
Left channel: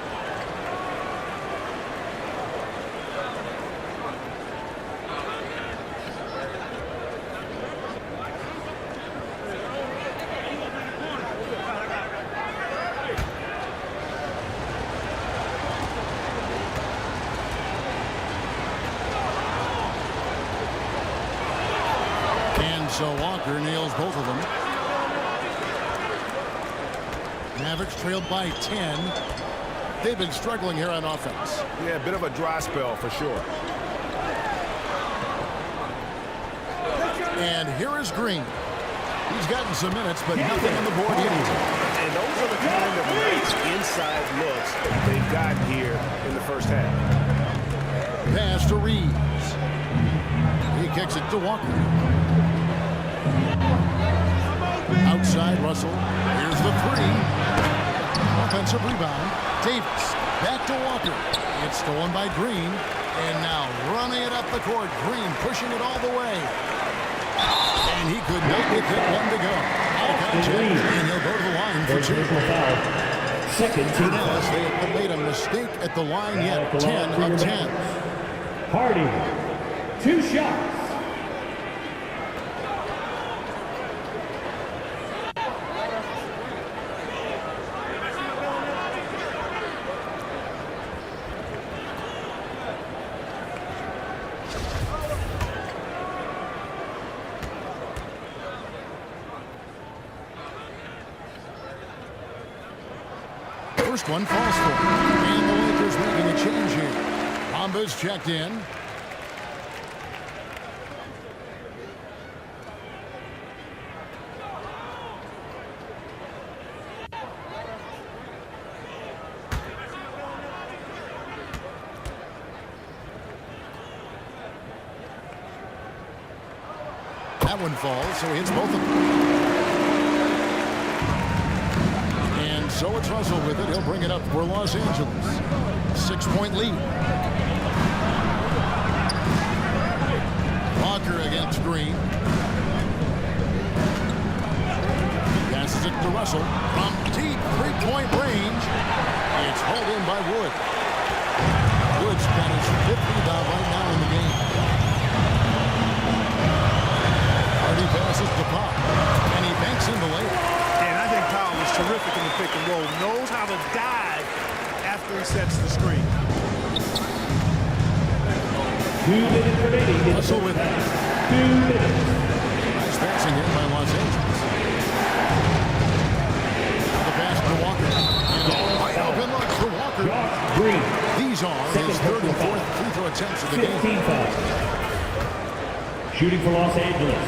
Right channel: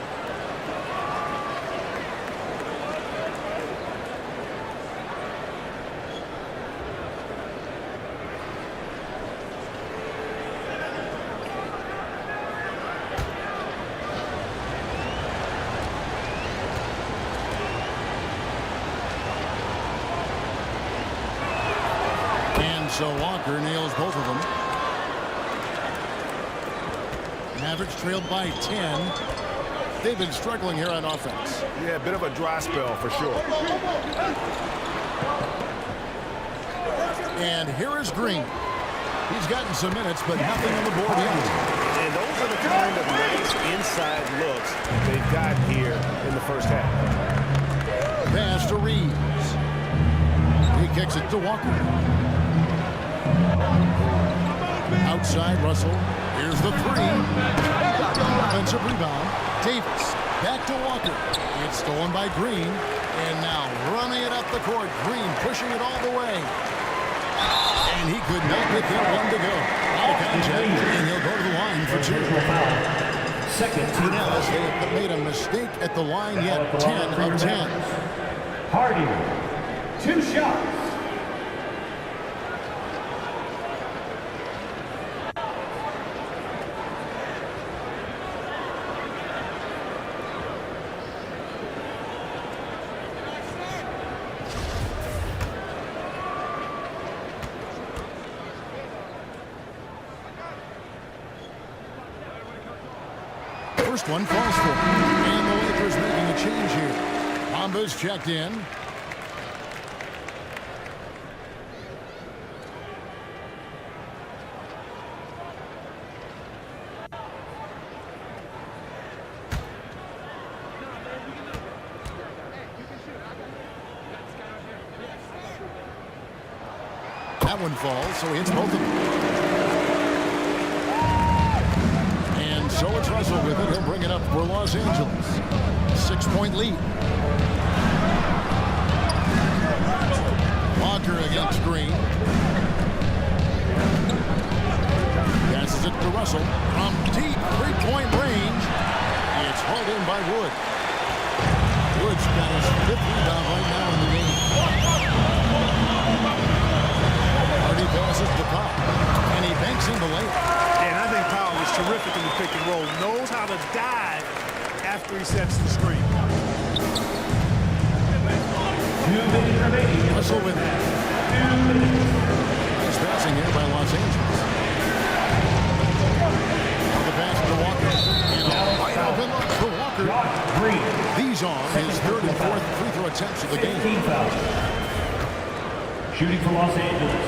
And so Walker nails both of them. Mavericks trailed by 10. They've been struggling here on offense. Yeah, a bit of a dry spell for sure. And here is Green. He's gotten some minutes, but nothing on the board yet. And those are the kind of nice inside looks they've gotten here in the first half. Pass to Reeves. He kicks it to Walker. Outside Russell. Here's the 3. Offensive rebound. Davis. Back to Walker. It's stolen by Green. And now running it up the court. Green pushing it all the way. And he could not get that one to go. Out of contact. And he'll go to the line for 2. Second team Dallas, they have made a mistake at the line yet. 10 of 10. Hardy. 2 shots. First one falls for him. And the Lakers making a change here. Bamba's checked in. That one falls, so he hits both of them. And so it's Russell with it. He'll bring it up for Los Angeles. 6-point lead. Walker against Green. Passes it to Russell from deep 3-point range. It's hauled in by Wood. Wood's got his 5th rebound right now in the game. Hardy passes to Pop, and he banks in the layup. And I think Powell is terrific in the pick and roll. Knows how to dive after he sets the screen. 2 minutes remaining. Russell with it. 2 minutes. Nice passing here by Los Angeles. Now the pass to Walker. And a wide open look for Walker. Josh Green. These are his 3rd and 4th free throw attempts of the game. 15 fouls. Shooting for Los Angeles.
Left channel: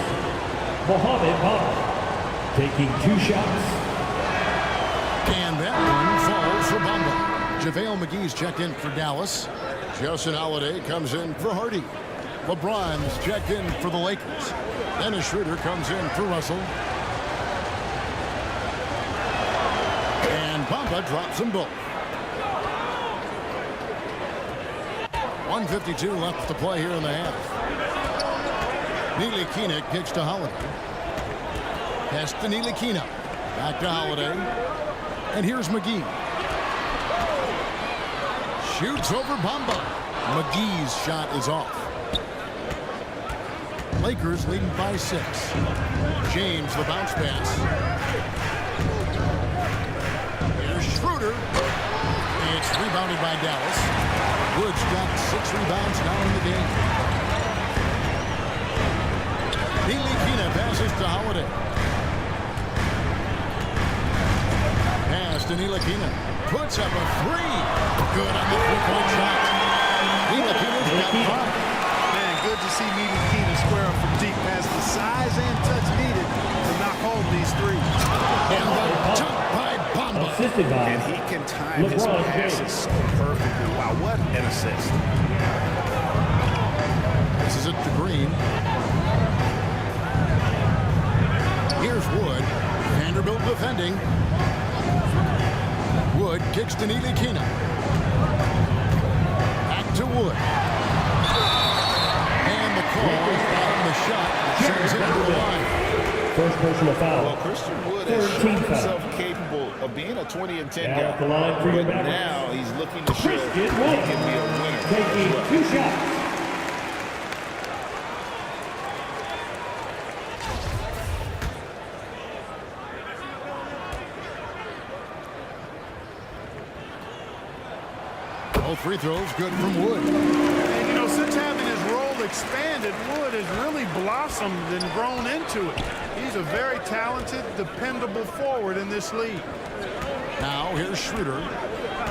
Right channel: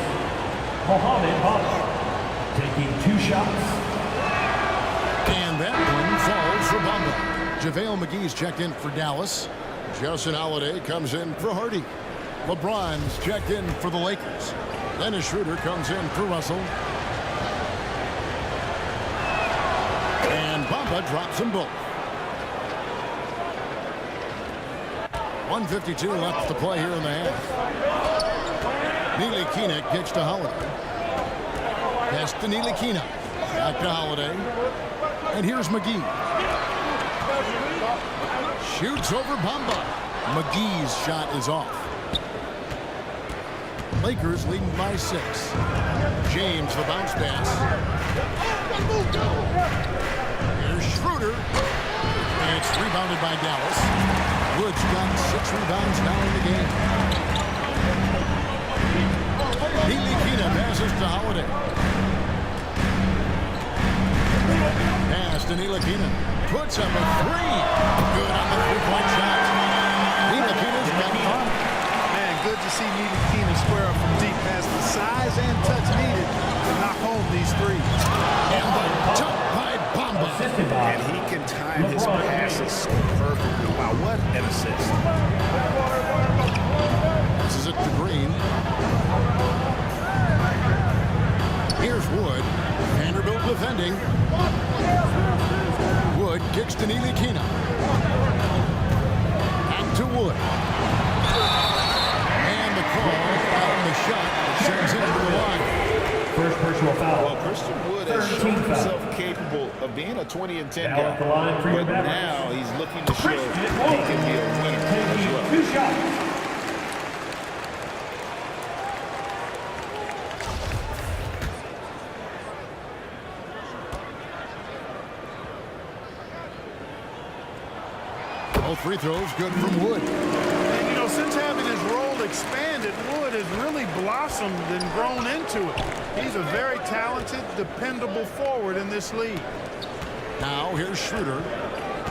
Mohamed Bamba. Taking 2 shots. And that one falls for Bamba. JaVale McGee's checked in for Dallas. Justin Holiday comes in for Hardy. LeBron's checked in for the Lakers. Dennis Schroeder comes in for Russell. And Bamba drops them both. 1:52 left to play here in the half. Ntilikina kicks to Holiday. Pass to Ntilikina. Back to Holiday. And here's McGee. Shoots over Bamba. McGee's shot is off. Lakers leading by 6. James, the bounce pass. Here's Schroeder. It's rebounded by Dallas. Wood's got 6 rebounds now in the game. Ntilikina passes to Holiday. Pass to Ntilikina. Puts up a 3. Good on the three-point shot. Ntilikina's got 5. Man, good to see Ntilikina square up from deep. Has the size and touch needed to knock home these threes. And the dunk by Bamba. Assisted by And he can time his LeBron passes James. so perfectly. Wow, what an assist. Passes it to Green. Here's Wood. Vanderbilt defending. Wood kicks to Ntilikina. Back to Wood. And the call on the shot that sends him to the line. First personal foul. Well, Christian Wood has Third shown team foul. himself capable of being a 20 and 10 Now at the line guy. for your But Mavericks. now he's looking to show Christian he Wood. can be a winner as Taking well. 2 shots. Both free throws good from Wood. And, you know, since having his role expanded, Wood has really blossomed and grown into it. He's a very talented, dependable forward in this league. Now here's Schroeder.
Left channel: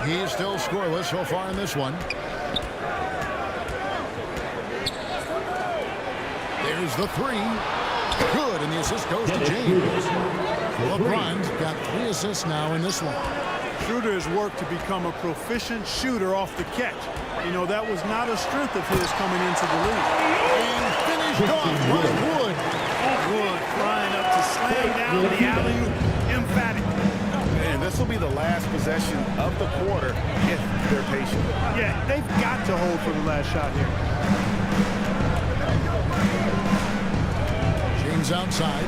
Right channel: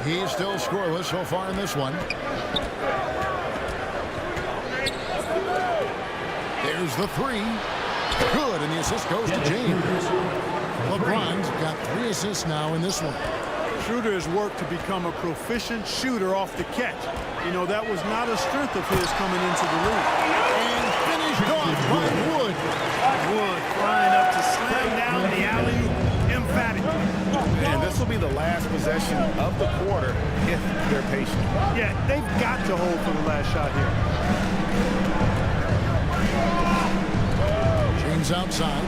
He's still scoreless so far in this one. There's the 3. Good, and the assist goes to James. LeBron's got 3 assists now in this one. Schroeder has worked to become a proficient shooter off the catch. You know, that was not a strength of his coming into the league. And finished off by Wood. Wood flying up to slam down the alley-oop emphatically. And this will be the last possession of the quarter if they're patient. Yeah, they've got to hold for the last shot here. James outside.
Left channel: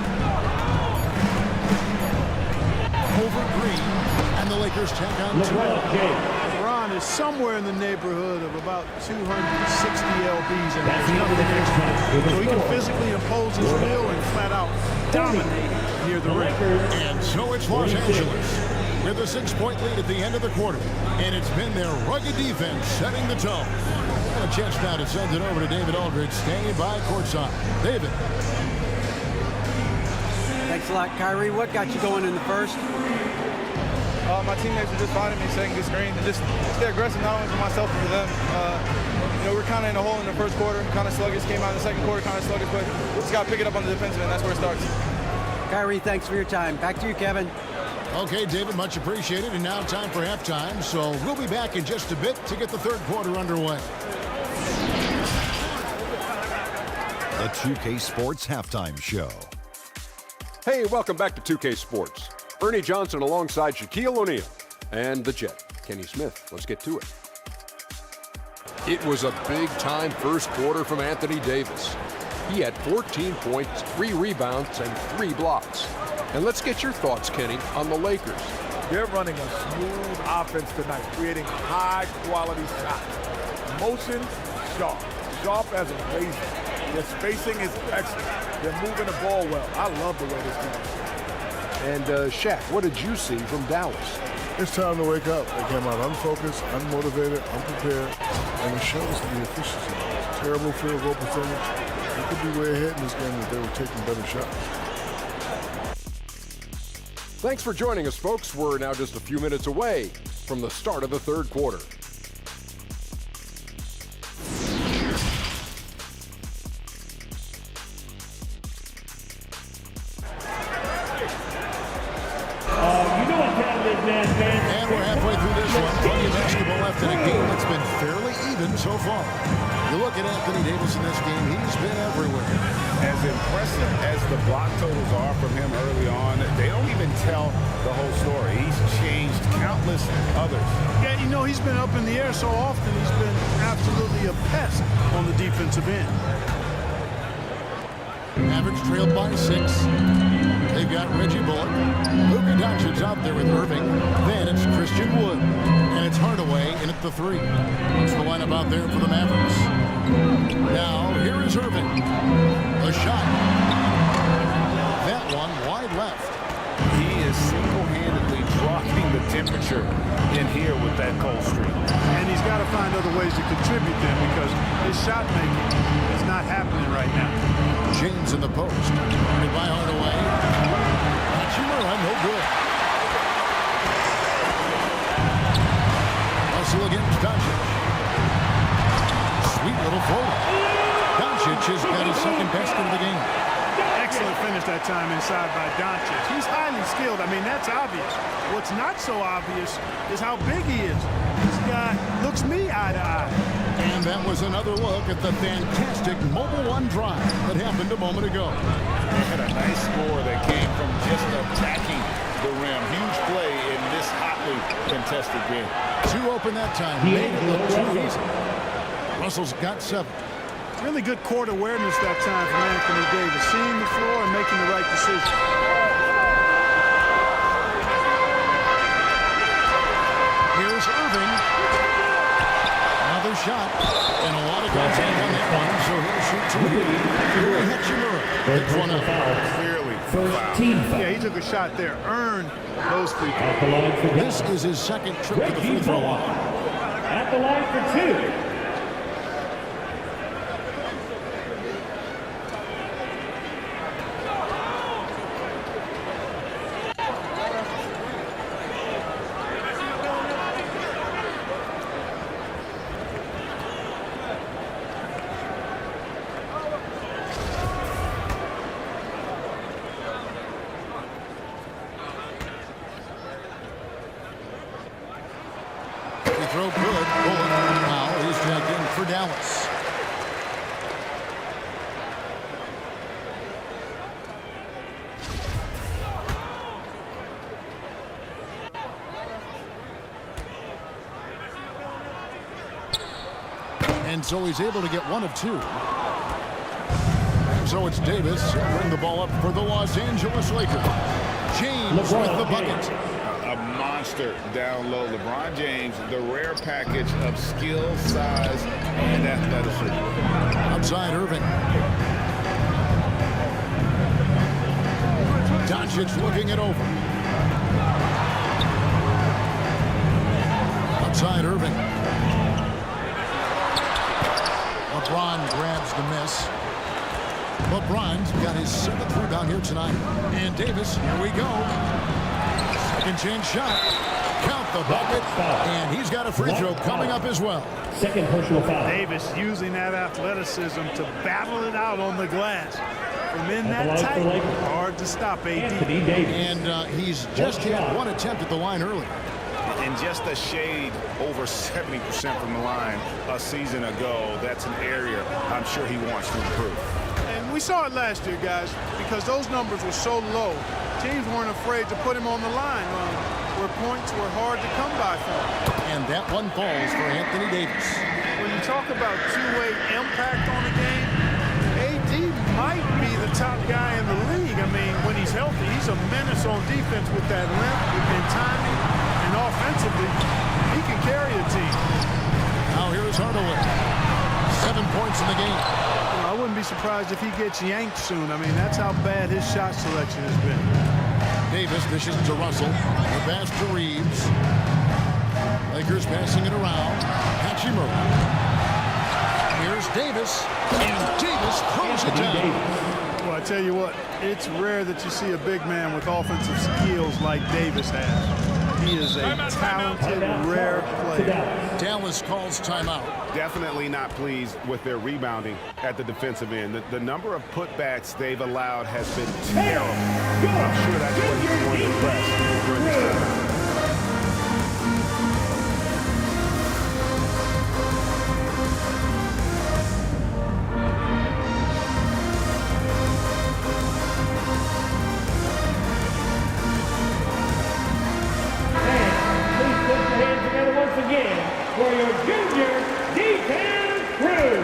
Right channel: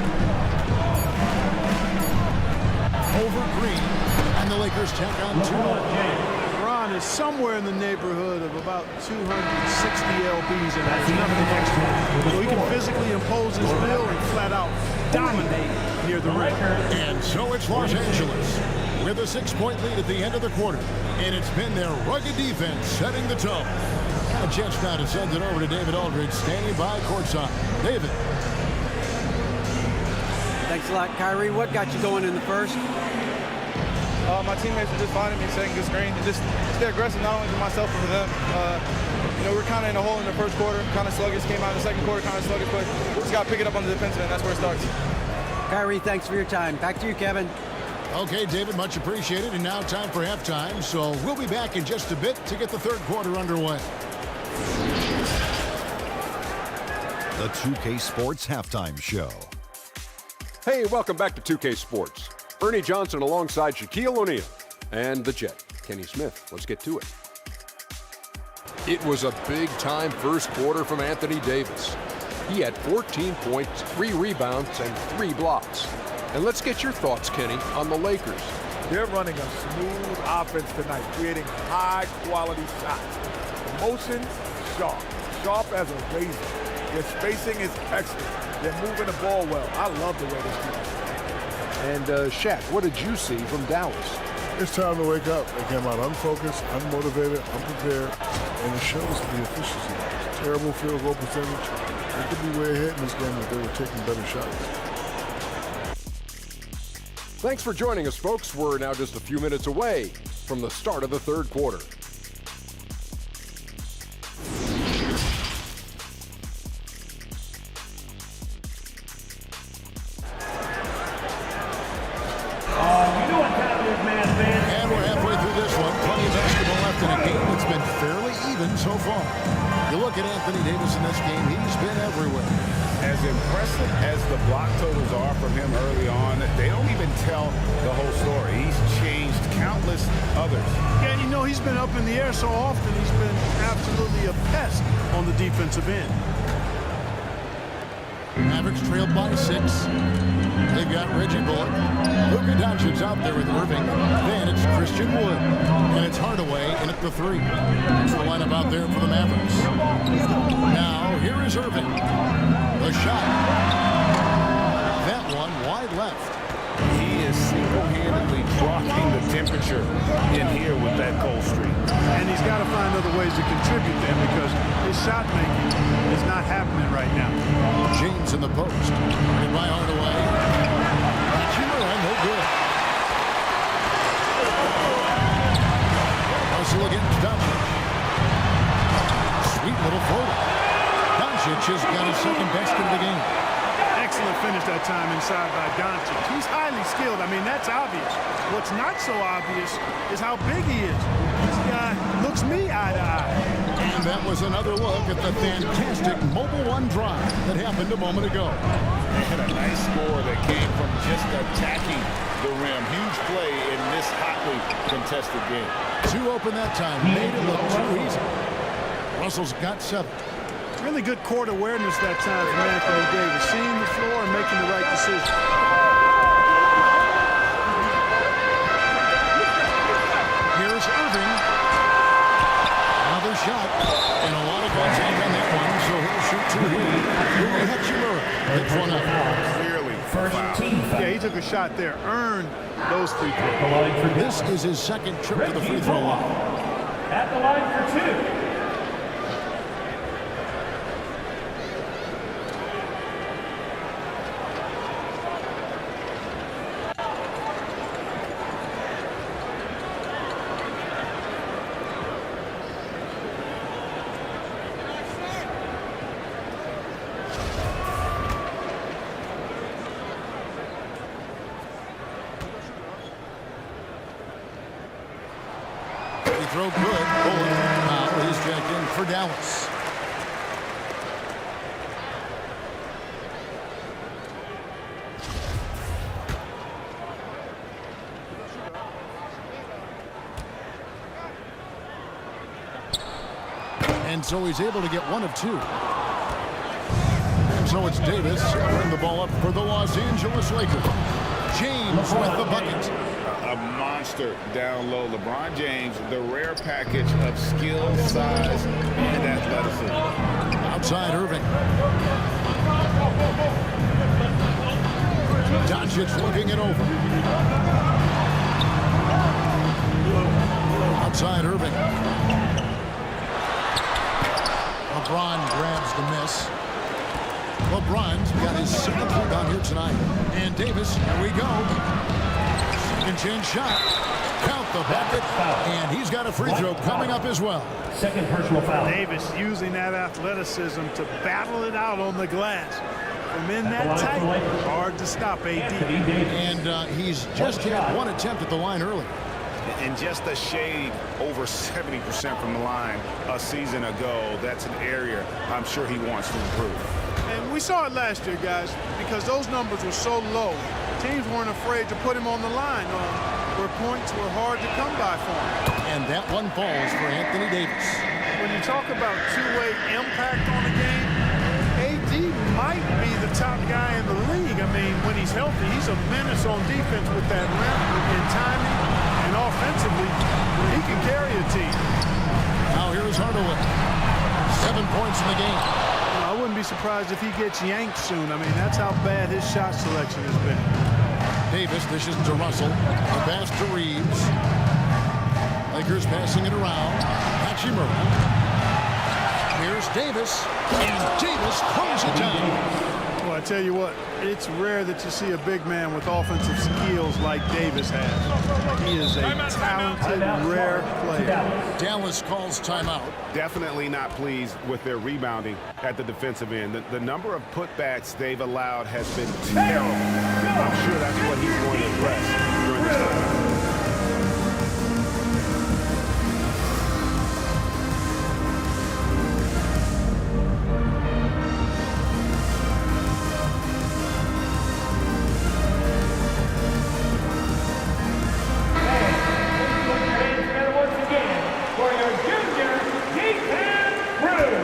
Over Green. And the Lakers tack on 2. LeBron James. LeBron is somewhere in the neighborhood of about 260 lbs, and That's there's nothing the next extra. chance with the So he can score. physically impose his will and flat out dominate near the The rim. Lakers. And so it's Los 46. Angeles with a 6-point lead at the end of the quarter. And it's been their rugged defense setting the tone. And a chance now to send it over to David Aldridge, standing by courtside. David. Thanks a lot, Kyrie. What got you going in the first? My teammates were just finding me, setting good screens, and just stay aggressive, not only for myself, but for them. You know, we're kind of in a hole in the first quarter, kind of sluggish, came out in the second quarter, kind of sluggish, but just got to pick it up on the defensive end. That's where it starts. Kyrie, thanks for your time. Back to you, Kevin. Okay, David, much appreciated. And now time for halftime. So we'll be back in just a bit to get the third quarter underway. The 2K Sports Halftime Show. Hey, welcome back to 2K Sports. Ernie Johnson alongside Shaquille O'Neal and the Jet, Kenny Smith. Let's get to it. It was a big-time first quarter from Anthony Davis. He had 14 points, 3 rebounds, and 3 blocks. And let's get your thoughts, Kenny, on the Lakers. They're running a smooth offense tonight, creating high-quality shots. Motion sharp, sharp as a razor. Their spacing is excellent. They're moving the ball well. I love the way this team is playing. And Shaq, what did you see from Dallas? It's time to wake up. They came out unfocused, unmotivated, unprepared, and it shows the efficiency. Terrible field goal percentage. They could be way ahead in this game if they were taking better shots. Thanks for joining us, folks. We're now just a few minutes away from the start of the third quarter. You know what time it is, man. And we're halfway through this one. Plenty of basketball left in a game that's been fairly even so far. You look at Anthony Davis in this game, he's been everywhere. As impressive as the block totals are from him early on, they don't even tell the whole story. He's changed countless others. Yeah, you know, he's been up in the air so often, he's been absolutely a pest on the defensive end. Mavericks trailed by 6. They've got Reggie Bullock. Luka Doncic's out there with Irving. Then it's Christian Wood. And it's Hardaway in at the 3. That's the lineup out there for the Mavericks. Now, here is Irving. The shot. That one wide left. He is single-handedly dropping the temperature in here with that cold streak. And he's got to find other ways to contribute then because his shot making is not happening right now. James in the post. And by Hardaway. Hachimura, no good. Russell against Doncic. Sweet little floater. Doncic has got his second basket of the game. Excellent finish that time inside by Doncic. He's highly skilled. I mean, that's obvious. What's not so obvious is how big he is. This guy looks me eye to eye. And that was another look at the fantastic Mobile One drive that happened a moment ago. They had a nice score that came from just attacking the rim. Huge play in this hotly contested game. 2 open that time. Made it look too easy. Russell's got 7. Really good court awareness that time from Anthony Davis, seeing the floor and making the right decision. Here's Irving. Another shot. And a lot of contact on that one, so he'll shoot 2 here. Rui Hachimura picks one up. Clearly, First team foul. Yeah, he took a shot there, earned those free throws. This is his second trip to the free throw line. At the line for 2. Throw good. Bullock. Now he's jacked in for Dallas. And so he's able to get 1 of 2. And so it's Davis bring the ball up for the Los Angeles Lakers. James with the bucket. A monster down low. LeBron James, the rare package of skill, size, and athleticism. Outside Irving. Doncic looking it over. Outside Irving. LeBron grabs the miss. LeBron's got his 7th rebound here tonight. And Davis, here we go. Second chance shot. Count the bucket. And he's got a free throw coming up as well. Second personal foul. Davis using that athleticism to battle it out on the glass. From in that tight, hard to stop AD. And he's just had 1 attempt at the line earlier. And just a shade over 70% from the line a season ago. That's an area I'm sure he wants to improve. And we saw it last year, guys, because those numbers were so low. Teams weren't afraid to put him on the line where points were hard to come by for him. And that one falls for Anthony Davis. When you talk about two-way impact on a game, AD might be the top guy in the league. I mean, when he's healthy, he's a menace on defense with that length and timing. And offensively, he can carry a team. Now here's Hardaway. 7 points in the game. I wouldn't be surprised if he gets yanked soon. I mean, that's how bad his shot selection has been. Davis dishes to Russell. The pass to Reeves. Lakers passing it around. Hachimura. Here's Davis. And Davis throws it down. Well, I tell you what, it's rare that you see a big man with offensive skills like Davis has. He is a talented, rare player. Dallas calls timeout. Definitely not pleased with their rebounding at the defensive end. The number of putbacks they've allowed has been terrible. I'm sure that's what he's going to address during this timeout. For your junior defense crew.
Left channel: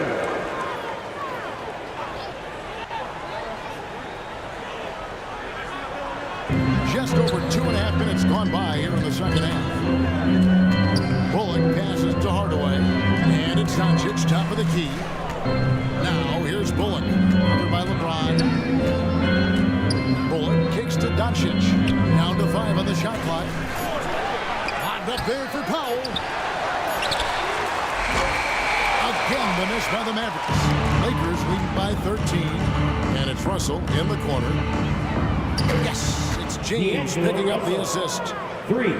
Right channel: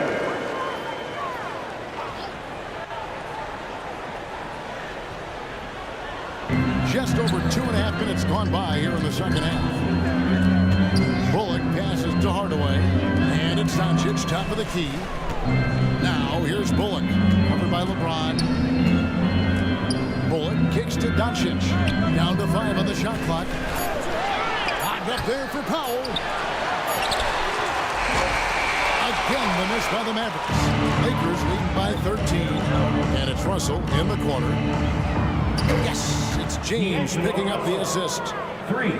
Just over 2.5 minutes gone by here in the second half. Bullock passes to Hardaway. And it's Doncic, top of the key. Now here's Bullock. Covered by LeBron. Bullock kicks to Doncic. Down to 5 on the shot clock. Locked up there for Powell. Again, the miss by the Mavericks. Lakers leading by 13. And it's Russell in the corner. Yes, it's James picking up the assist. 3.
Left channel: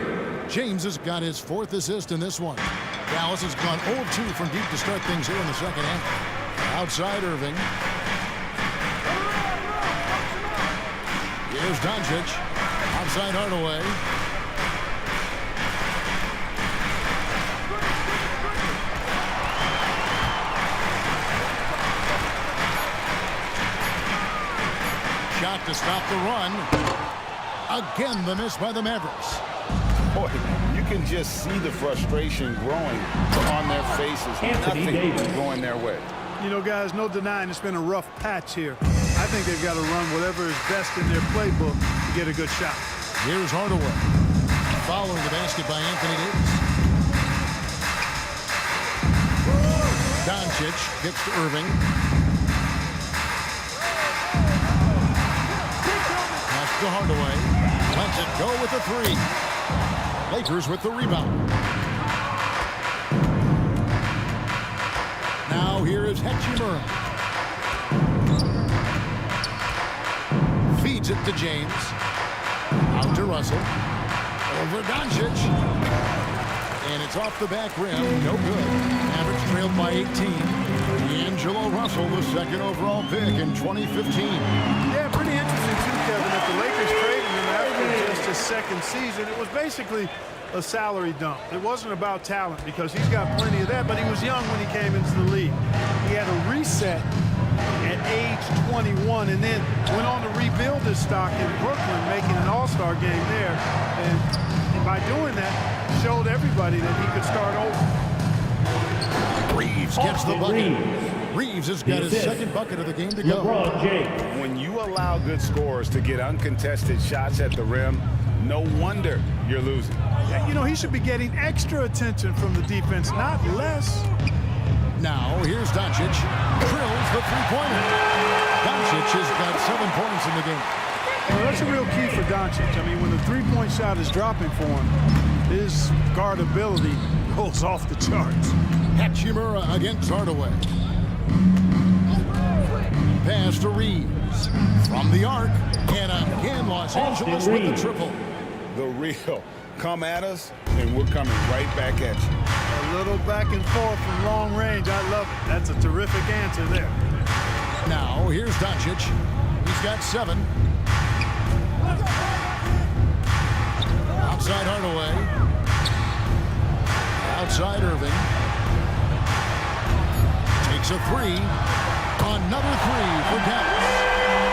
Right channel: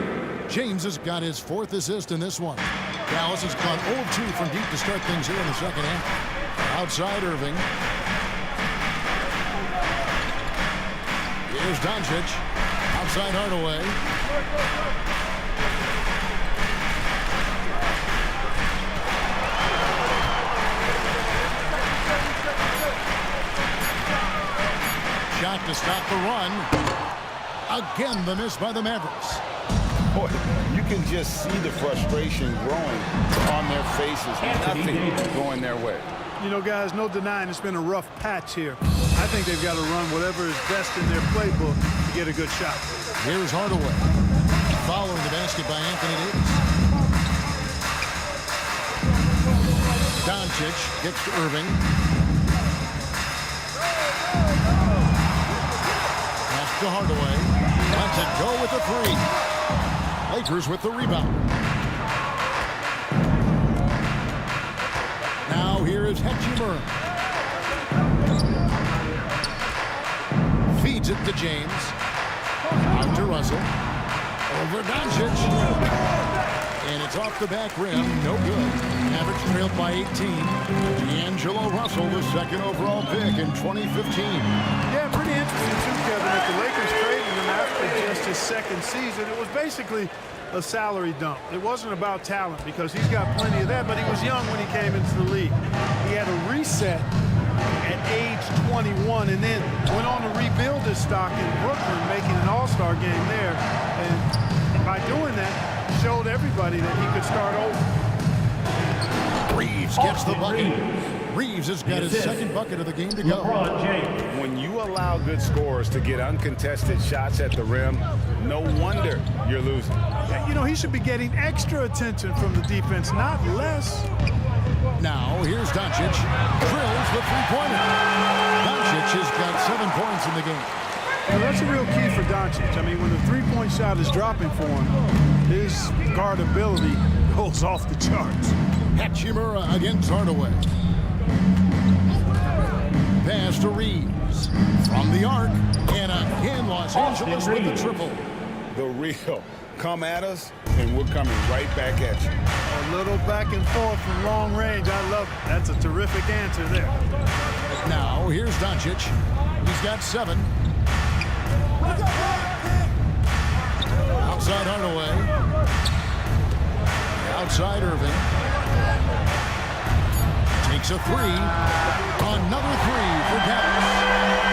James has got his 4th assist in this one. Dallas has gone 0-2 from deep to start things here in the second half. Outside Irving. Here's Doncic. Outside Hardaway. Shot to stop the run. Again, the miss by the Mavericks. Boy, you can just see the frustration growing on their faces. Nothing going their way. You know, guys, no denying it's been a rough patch here. I think they've got to run whatever is best in their playbook to get a good shot. Here's Hardaway. Following the basket by Anthony Davis. Doncic gets to Irving. Pass to Hardaway. Lets it go with a 3. Lakers with the rebound. Now here is Hachimura. Feeds it to James. Out to Russell. Over Doncic. And it's off the back rim. No good. Mavericks trailed by 18. D'Angelo Russell, the 2nd overall pick in 2015. Yeah, pretty interesting too, Kevin, that the Lakers traded him after just his 2nd season. It was basically a salary dump. It wasn't about talent because he's got plenty of that, but he was young when he came into the league. He had a reset at age 21 and then went on to rebuild his stock in Brooklyn, making an all-star game there. And by doing that, showed everybody that he could start over. Reeves gets the bucket. Reeves has got his 2nd bucket of the game to go. LeBron James. When you allow good scorers to get uncontested shots at the rim, no wonder you're losing. Yeah, you know, he should be getting extra attention from the defense, not less. Now, here's Doncic. Drills the 3-pointer. Doncic has got 7 points in the game. You know, that's a real key for Doncic. I mean, when the 3-point shot is dropping for him, his guard ability goes off the charts. Hachimura against Hardaway. Pass to Reeves. From the arc. And again, Los Angeles with the triple. The real. Come at us, and we're coming right back at you. A little back and forth from long range. I love it. That's a terrific answer there. Now, here's Doncic. He's got 7. Outside Hardaway. Outside Irving. Takes a 3. Another 3 for Dallas.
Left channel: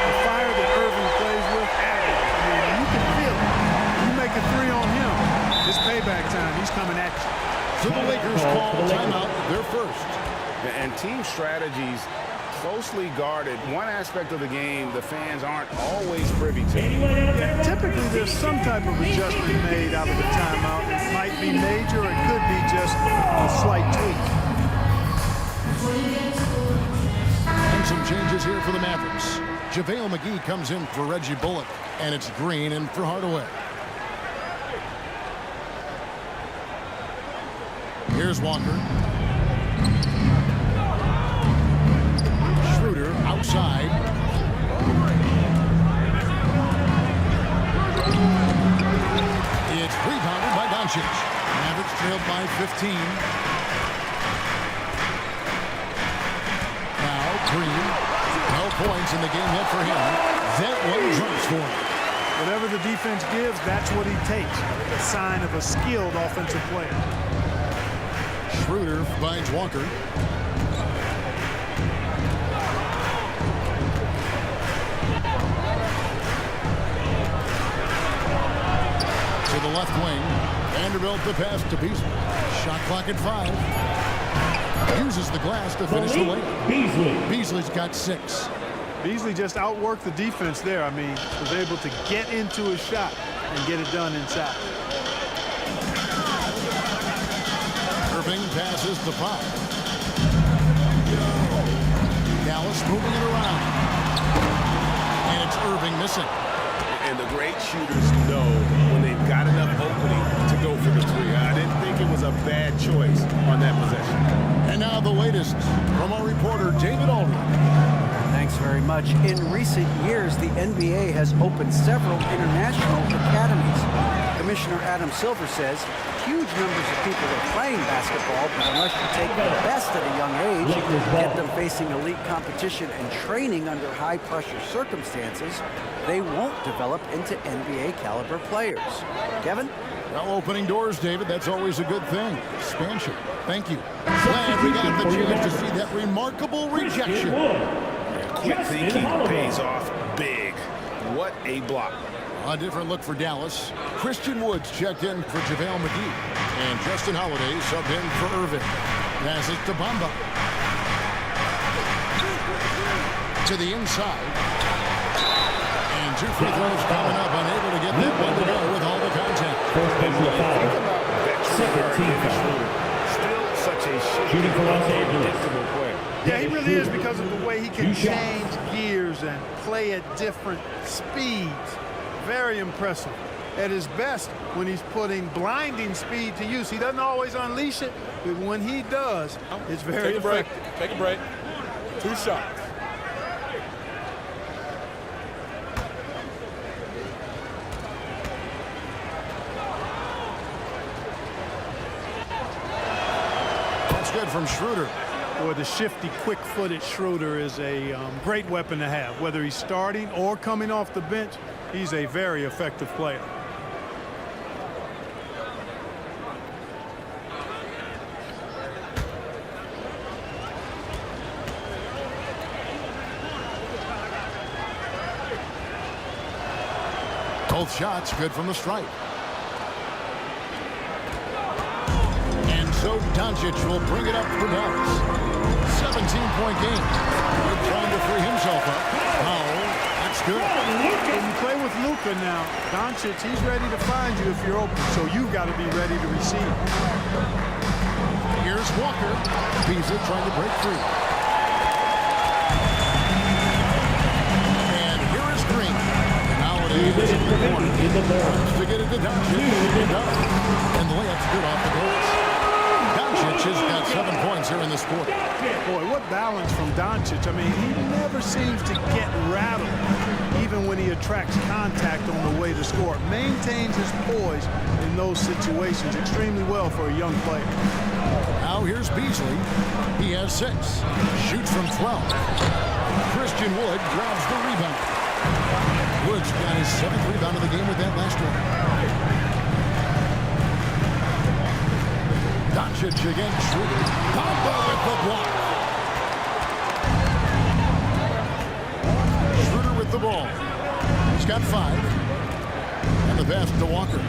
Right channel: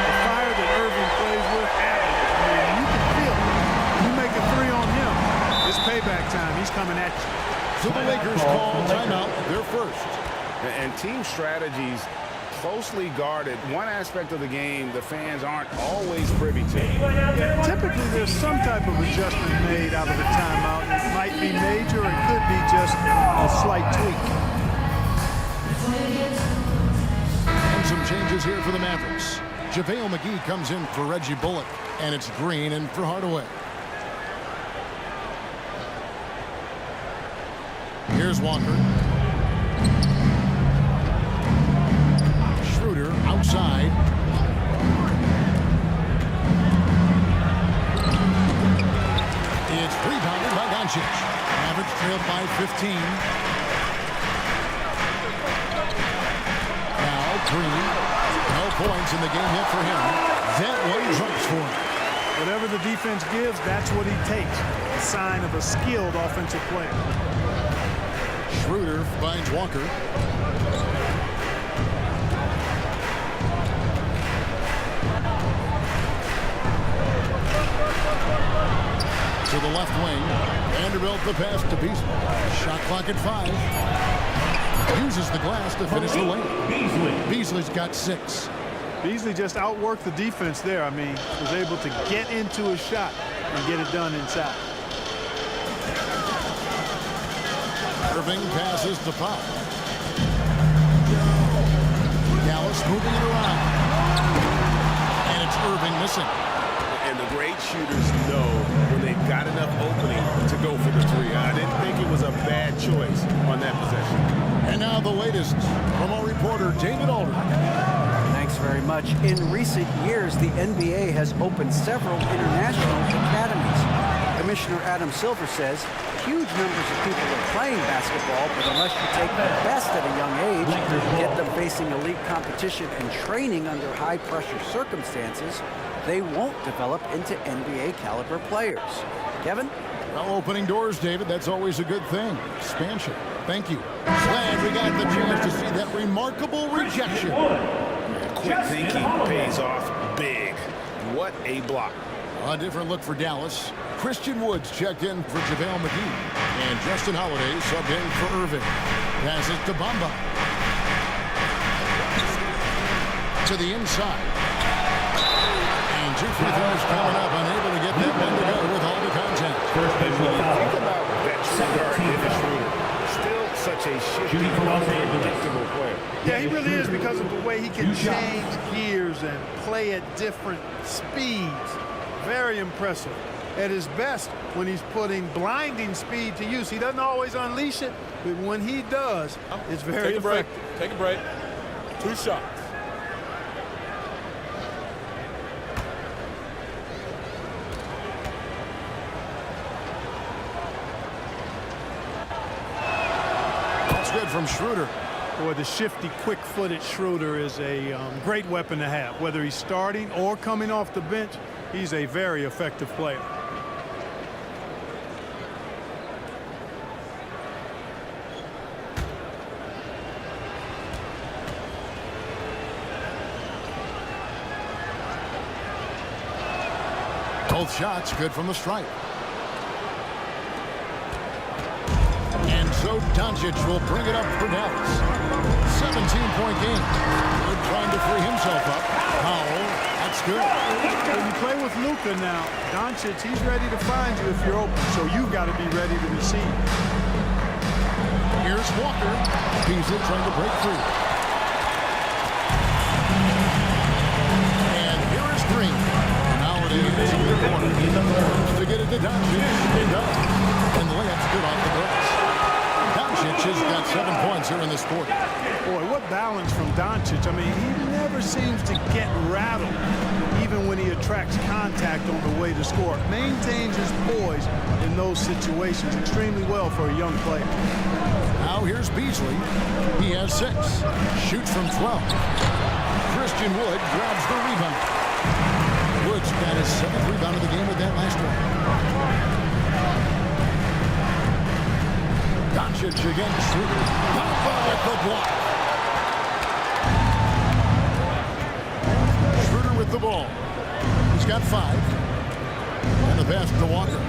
The fire that Irving plays with, I mean, you can feel it. You make a 3 on him, it's payback time. He's coming at you. So the Lakers call timeout, their first. And team strategies closely guarded. One aspect of the game the fans aren't always privy to. Yeah, typically there's some type of adjustment made out of a timeout. It might be major, or it could be just a slight tweak. And some changes here for the Mavericks. JaVale McGee comes in for Reggie Bullock, and it's Green in for Hardaway. Here's Walker. Schroeder outside. It's rebounded by Doncic. Mavericks trailed by 15. Now Green. No points in the game yet for him. That one drops for him. Whatever the defense gives, that's what he takes. A sign of a skilled offensive player. Schroeder finds Walker. To the left wing. Vanderbilt the pass to Beasley. Shot clock at 5. Uses the glass to finish the layup. Beasley's got 6. Beasley just outworked the defense there. I mean, was able to get into a shot and get it done inside. Irving passes to Pop. Dallas moving it around. And it's Irving missing. And the great shooters know when they've got enough opening to go for the three. I didn't think it was a bad choice on that possession. And now the latest from our reporter, David Aldridge. Thanks very much. In recent years, the NBA has opened several international academies. Commissioner Adam Silver says huge numbers of people are playing basketball, but unless you take the best at a young age, get them facing elite competition and training under high-pressure circumstances, they won't develop into NBA-caliber players. Kevin? Well, opening doors, David, that's always a good thing. Expansion. Thank you. Glad we got the chance to see that remarkable rejection. Yeah, quick thinking pays off big. What a block. A different look for Dallas. Christian Woods checked in for JaVale McGee. And Justin Holiday subbed in for Irving. Passes to Bamba. To the inside. And 2 free throws coming up. Unable to get that one to go with all the contact. And when you think about veteran guard Dennis Schroeder, still such a shifty, unpredictable player. Yeah, he really is, because of the way he can change gears and play at different speeds. Very impressive. At his best, when he's putting blinding speed to use. He doesn't always unleash it, but when he does, it's very effective. Take a break. 2 shots. That's good from Schroeder. Boy, the shifty, quick-footed Schroeder is a great weapon to have. Whether he's starting or coming off the bench, he's a very effective player. Both shots good from the stripe. And so Doncic will bring it up for Dallas. 17-point game. Good trying to free himself up. Powell, that's good. When you play with Luka now, Doncic, he's ready to find you if you're open, so you've got to be ready to receive. Here's Walker. Beasley trying to break free. And here is Green. And Holiday is in the corner. Wants to get it to Doncic. It does. And the layup's good off the glass. Doncic has got 7 points here in this quarter. Boy, what balance from Doncic. I mean, he never seems to get rattled, even when he attracts contact on the way to score. Maintains his poise in those situations extremely well for a young player. Now here's Beasley. He has 6. Shoots from 12. Christian Wood grabs the rebound. Woods got his 7th rebound of the game with that last one. Doncic against Schroeder. Bamba with the block. Schroeder with the ball. He's got 5. And the pass to Walker.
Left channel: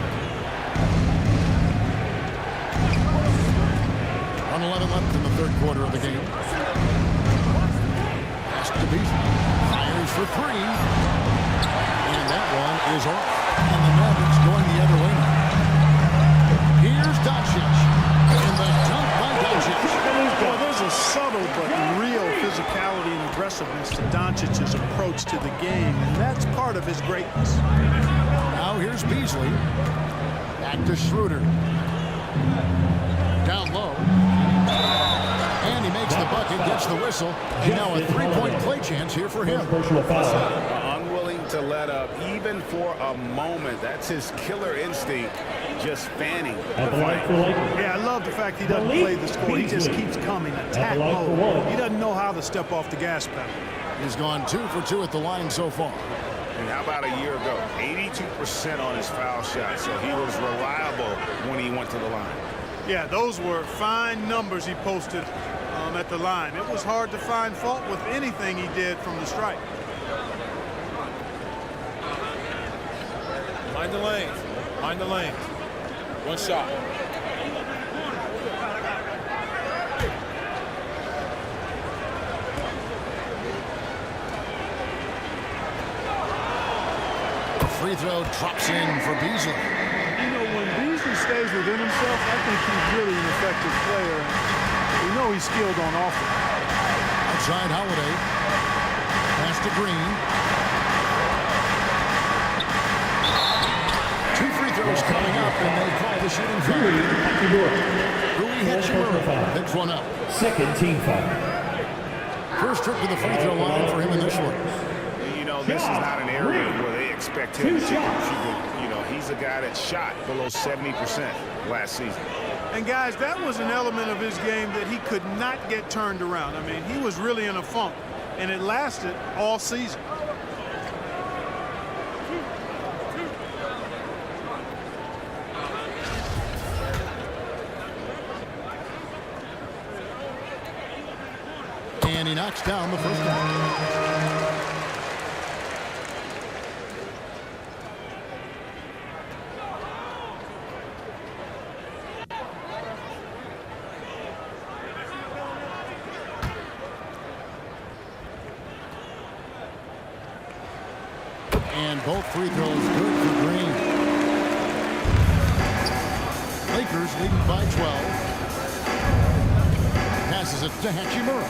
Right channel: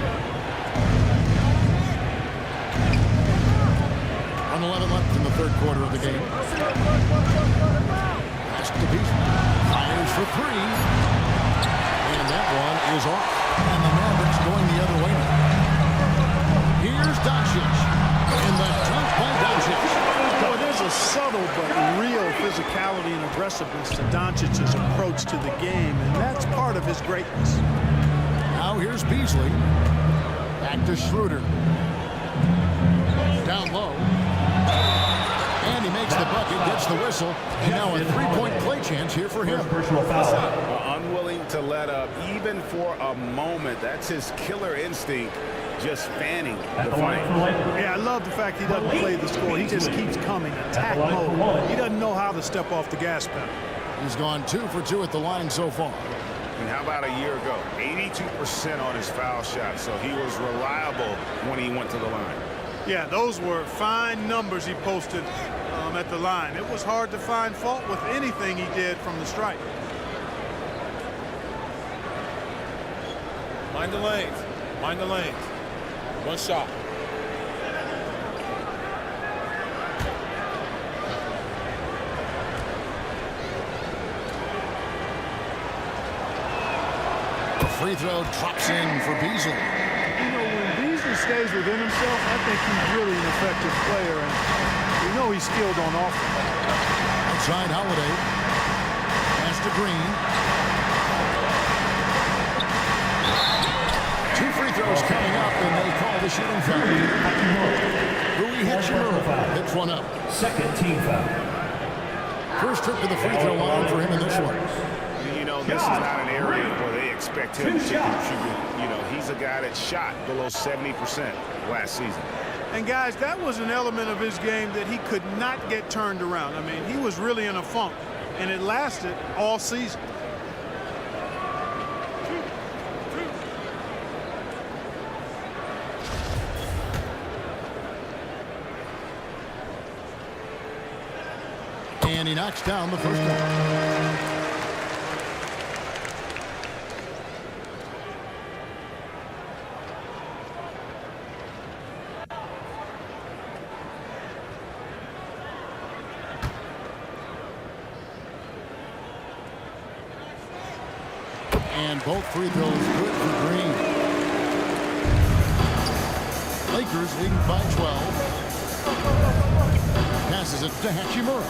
1:11 left in the 3rd quarter of the game. Pass to Beasley. Fires for 3. And that one is off. And the Mavericks going the other way now. Here's Doncic. And the dunk by Doncic. Boy, there's a subtle but real physicality and aggressiveness to Doncic's approach to the game, and that's part of his greatness. Now here's Beasley. Back to Schroeder. Down low. And he makes the bucket, gets the whistle, and now a 3-point play chance here for him. Personal foul. Unwilling to let up even for a moment. That's his killer instinct. Just fanning the flame. Yeah, I love the fact he doesn't play the score. He just keeps coming, attack mode. He doesn't know how to step off the gas pedal. He's gone 2 for 2 at the line so far. And how about a year ago? 82% on his foul shot, so he was reliable when he went to the line. Yeah, those were fine numbers he posted at the line. It was hard to find fault with anything he did from the stripe. Mind the lanes. Mind the lanes. 1 shot. free throw drops in for Beasley. You know, when Beasley stays within himself, I think he's really an effective player, and we know he's skilled on offense. Outside Holiday. Pass to Green. 2 free throws coming up, and they call the shooting foul. Rui Hachimura picks one up. Second team foul. First trip to the free throw line for him in this one. You know, this is not an area where they expect him to contribute. You know, he's a guy that shot below 70% last season. And guys, that was an element of his game that he could not get turned around. I mean, he was really in a funk, and it lasted all season. And he knocks down the first one. And both free throws good for Green. Lakers leading by 12. Passes it to Hachimura.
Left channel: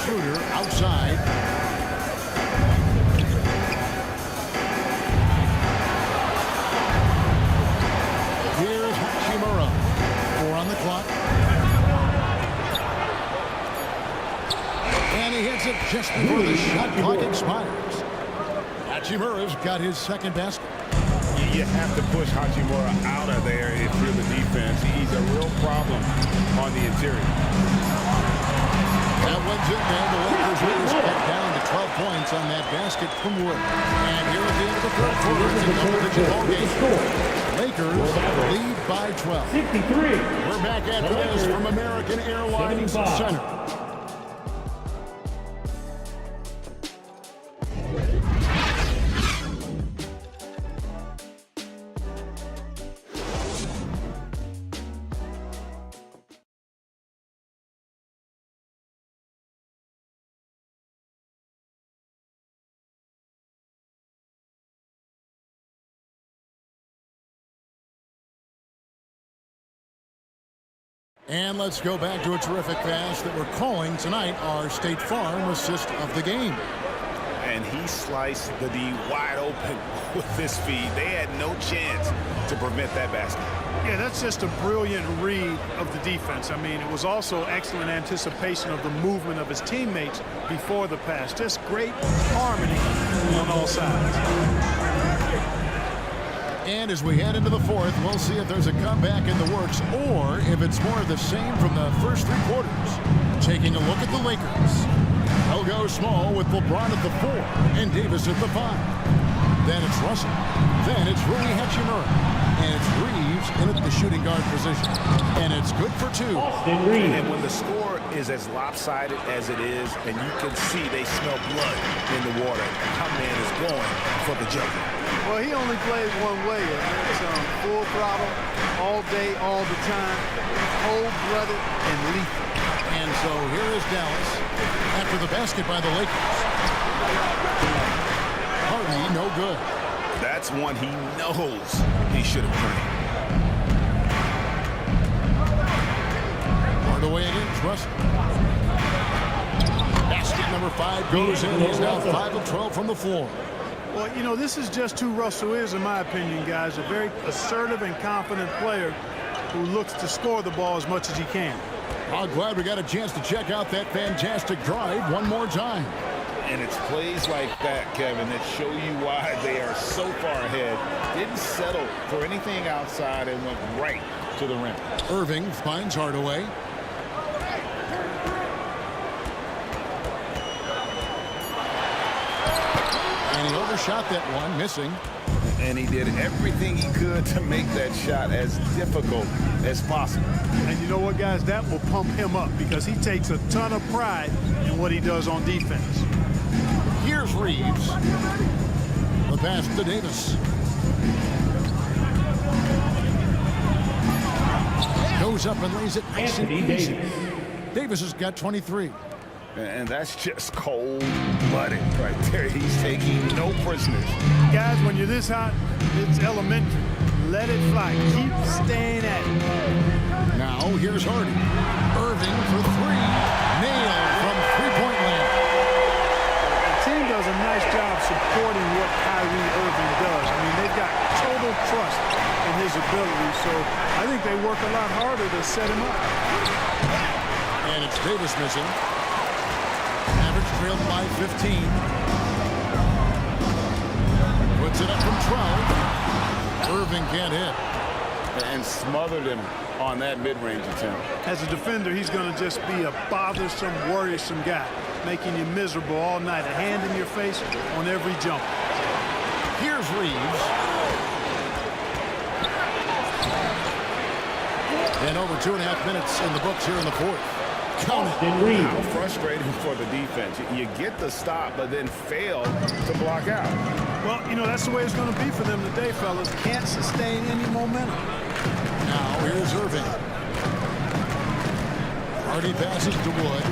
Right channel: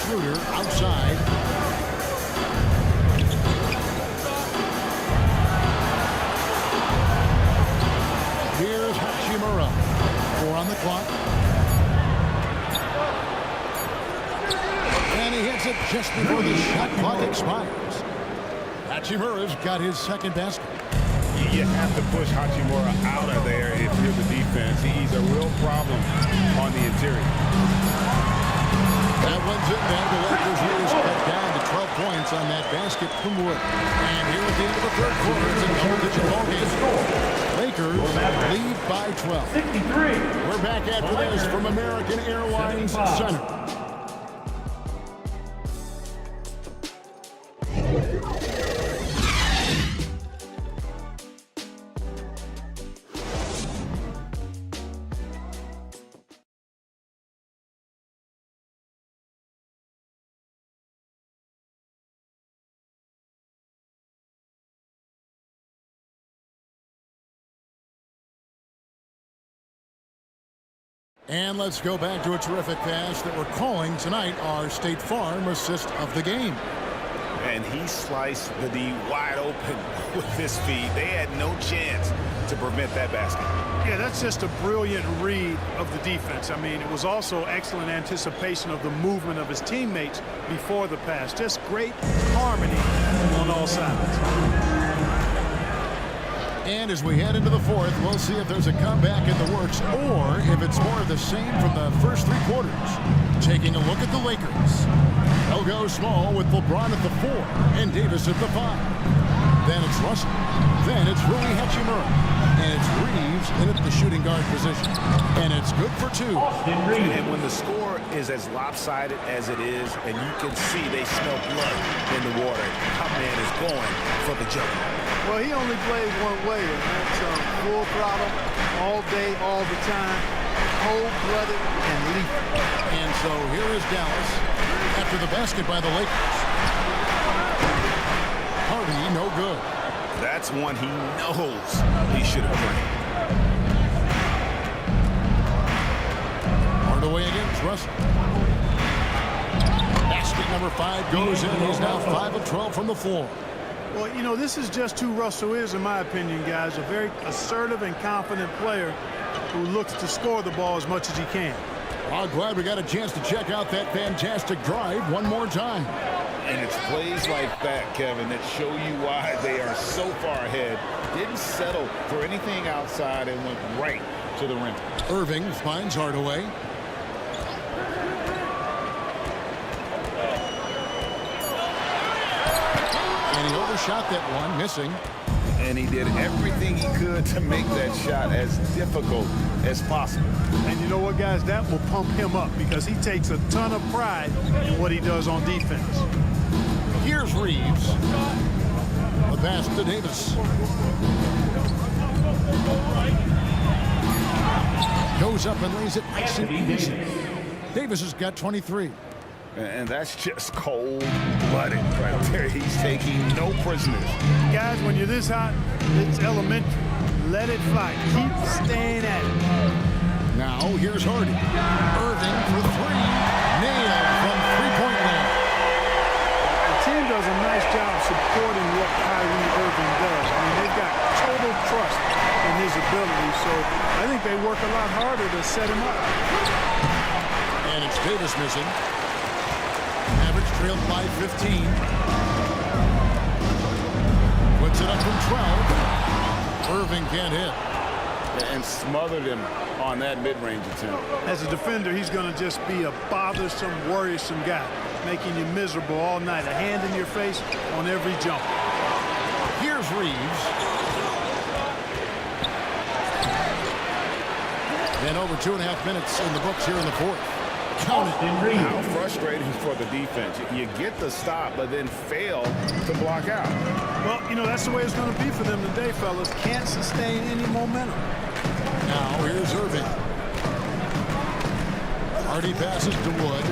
Schroeder outside. Here's Hachimura. 4 on the clock. And he hits it just before the shot clock expires. Hachimura's got his second basket. You have to push Hachimura out of there if you're the defense. He's a real problem on the interior. That one's in there. The Lakers leaders cut down to 12 points on that basket from Wood. And here at the end of the third quarter, it's a double-digit ball game. Lakers lead by 12. 63. We're back after this from American Airlines Center. And let's go back to a terrific pass that we're calling tonight our State Farm assist of the game. And he sliced the D wide open with this feed. They had no chance to prevent that basket. Yeah, that's just a brilliant read of the defense. I mean, it was also excellent anticipation of the movement of his teammates before the pass. Just great harmony on all sides. And as we head into the fourth, we'll see if there's a comeback in the works or if it's more of the same from the first 3 quarters. Taking a look at the Lakers. They'll go small with LeBron at the 4 and Davis at the 5. Then it's Russell. Then it's Rui Hachimura. And it's Reeves in at the shooting guard position. And it's good for 2. And when the score is as lopsided as it is, and you can see they smell blood in the water, our man is going for the jugular. Well, he only plays one way, and that's full throttle, all day, all the time, cold-blooded and lethal. And so here is Dallas after the basket by the Lakers. Hardy, no good. That's one he knows he should have drained. Hardaway against Russell. Basket number 5 goes in. He's now 5 of 12 from the floor. Well, you know, this is just who Russell is, in my opinion, guys. A very assertive and confident player who looks to score the ball as much as he can. I'm glad we got a chance to check out that fantastic drive one more time. And it's plays like that, Kevin, that show you why they are so far ahead. Didn't settle for anything outside and went right to the rim. Irving finds Hardaway. And he overshot that one, missing. And he did everything he could to make that shot as difficult as possible. And you know what, guys? That will pump him up because he takes a ton of pride in what he does on defense. Here's Reeves. The pass to Davis. Goes up and lays it nice and easy. Davis has got 23. And that's just cold-blooded right there. He's taking no prisoners. Guys, when you're this hot, it's elementary. Let it fly. Keep staying at it. Now here's Hardy. Irving for three. Nailed from three-point land. The team does a nice job supporting what Kyrie Irving does. I mean, they've got total trust in his ability, so I think they work a lot harder to set him up. And it's Davis missing. Mavericks trailed by 15. Puts it up from 12. Irving can't hit. And smothered him on that mid-range attempt. As a defender, he's going to just be a bothersome, worrisome guy, making you miserable all night. A hand in your face on every jump. Here's Reeves. And over 2.5 minutes in the books here in the fourth. Count it. How frustrating for the defense. You get the stop, but then fail to block out. Well, you know, that's the way it's going to be for them today, fellas. Can't sustain any momentum. Now here's Irving. Hardy passes to Wood.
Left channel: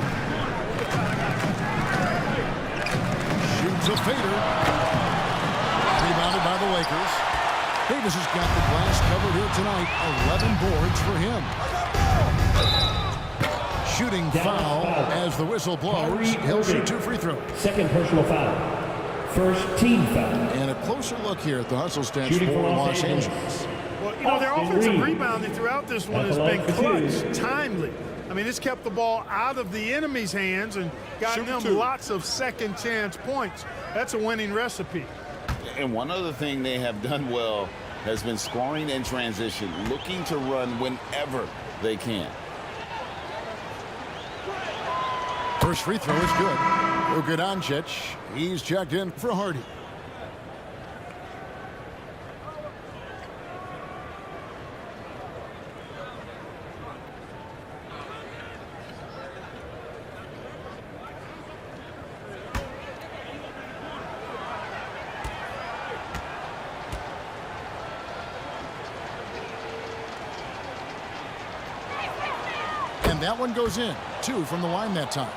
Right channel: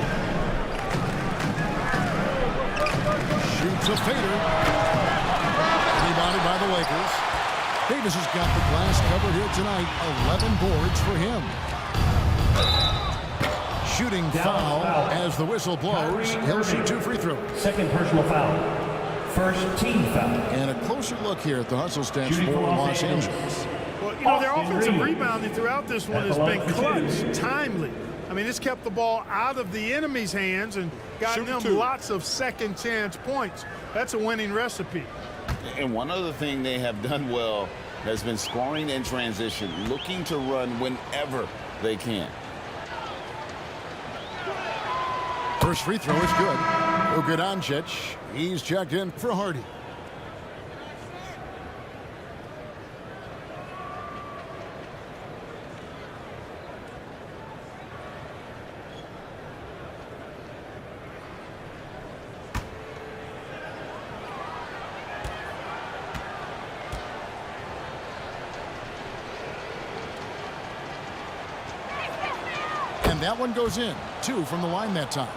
Shoots a fader. Rebounded by the Lakers. Davis has got the glass covered here tonight. 11 boards for him. Shooting foul as the whistle blows. He'll shoot 2 free throws. Second personal foul. First team foul. And a closer look here at the hustle stats for Los Angeles. Well, you know, their offensive rebounding throughout this one has been clutch, timely. I mean, it's kept the ball out of the enemy's hands and gotten them lots of second chance points. That's a winning recipe. And one other thing they have done well has been scoring in transition, looking to run whenever they can. First free throw is good. Luka Doncic, he's checked in for Hardy. And that one goes in. 2 from the line that time.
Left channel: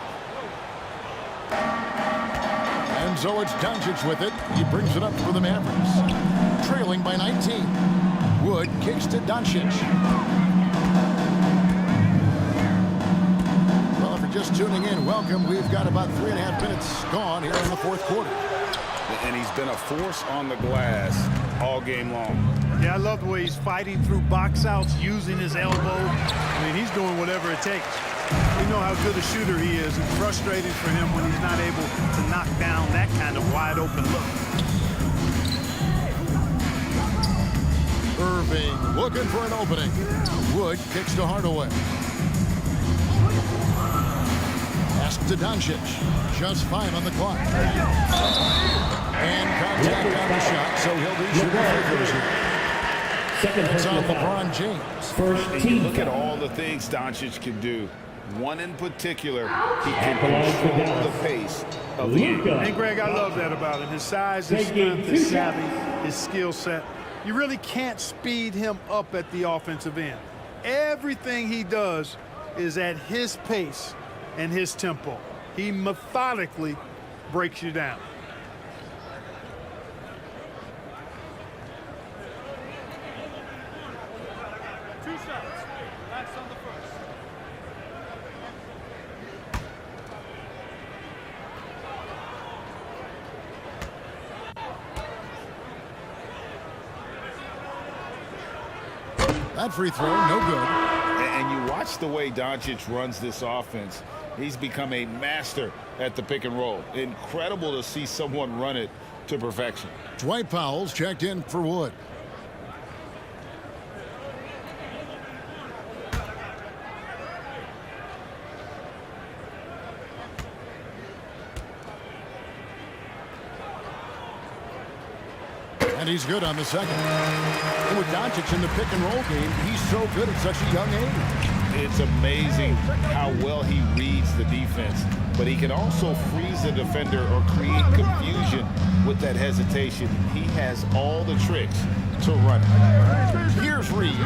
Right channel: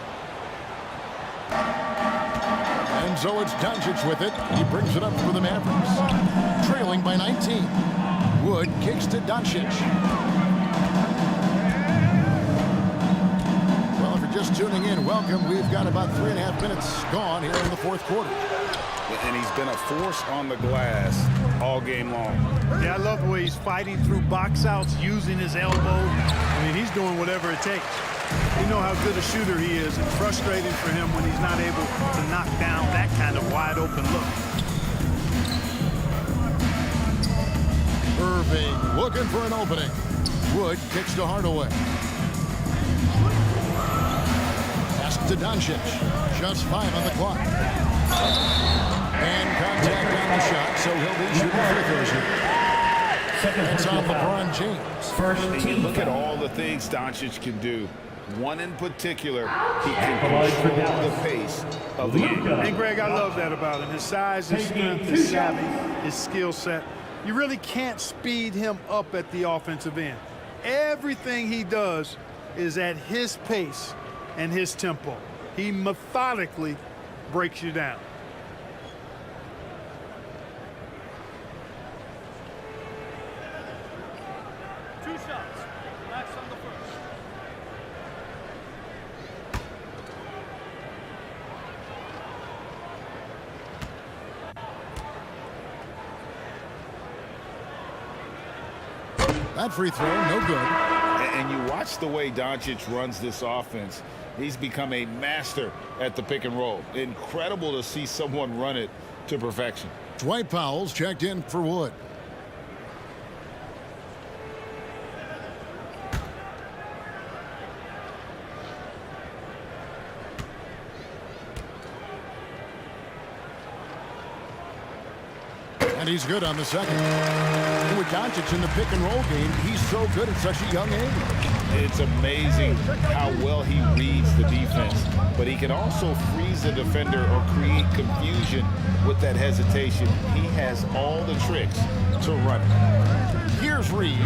And so it's Doncic with it. He brings it up for the Mavericks. Trailing by 19. Wood kicks to Doncic. Well, if you're just tuning in, welcome. We've got about 3.5 minutes gone here in the fourth quarter. And he's been a force on the glass all game long. Yeah, I love the way he's fighting through box outs, using his elbow. I mean, he's doing whatever it takes. We know how good a shooter he is. It's frustrating for him when he's not able to knock down that kind of wide open look. Irving looking for an opening. Wood kicks to Hardaway. Pass to Doncic. Just 5 on the clock. And contact on the shot, so he'll be shooting free throws here. That's on LeBron James. First team. Look at all the things Doncic can do. One in particular, he can control the pace of the game. And Greg, I love that about him. His size, his strength, his savvy, his skill set. You really can't speed him up at the offensive end. Everything he does is at his pace and his tempo. He methodically breaks you down. Two shots. Relax on the first. That free throw, no good. And you watch the way Doncic runs this offense. He's become a master at the pick and roll. Incredible to see someone run it to perfection. Dwight Powell's checked in for Wood. And he's good on the second. And with Doncic in the pick and roll game, he's so good at such a young age. It's amazing how well he reads the defense, but he can also freeze the defender or create confusion with that hesitation. He has all the tricks to run it. Here's Reeves.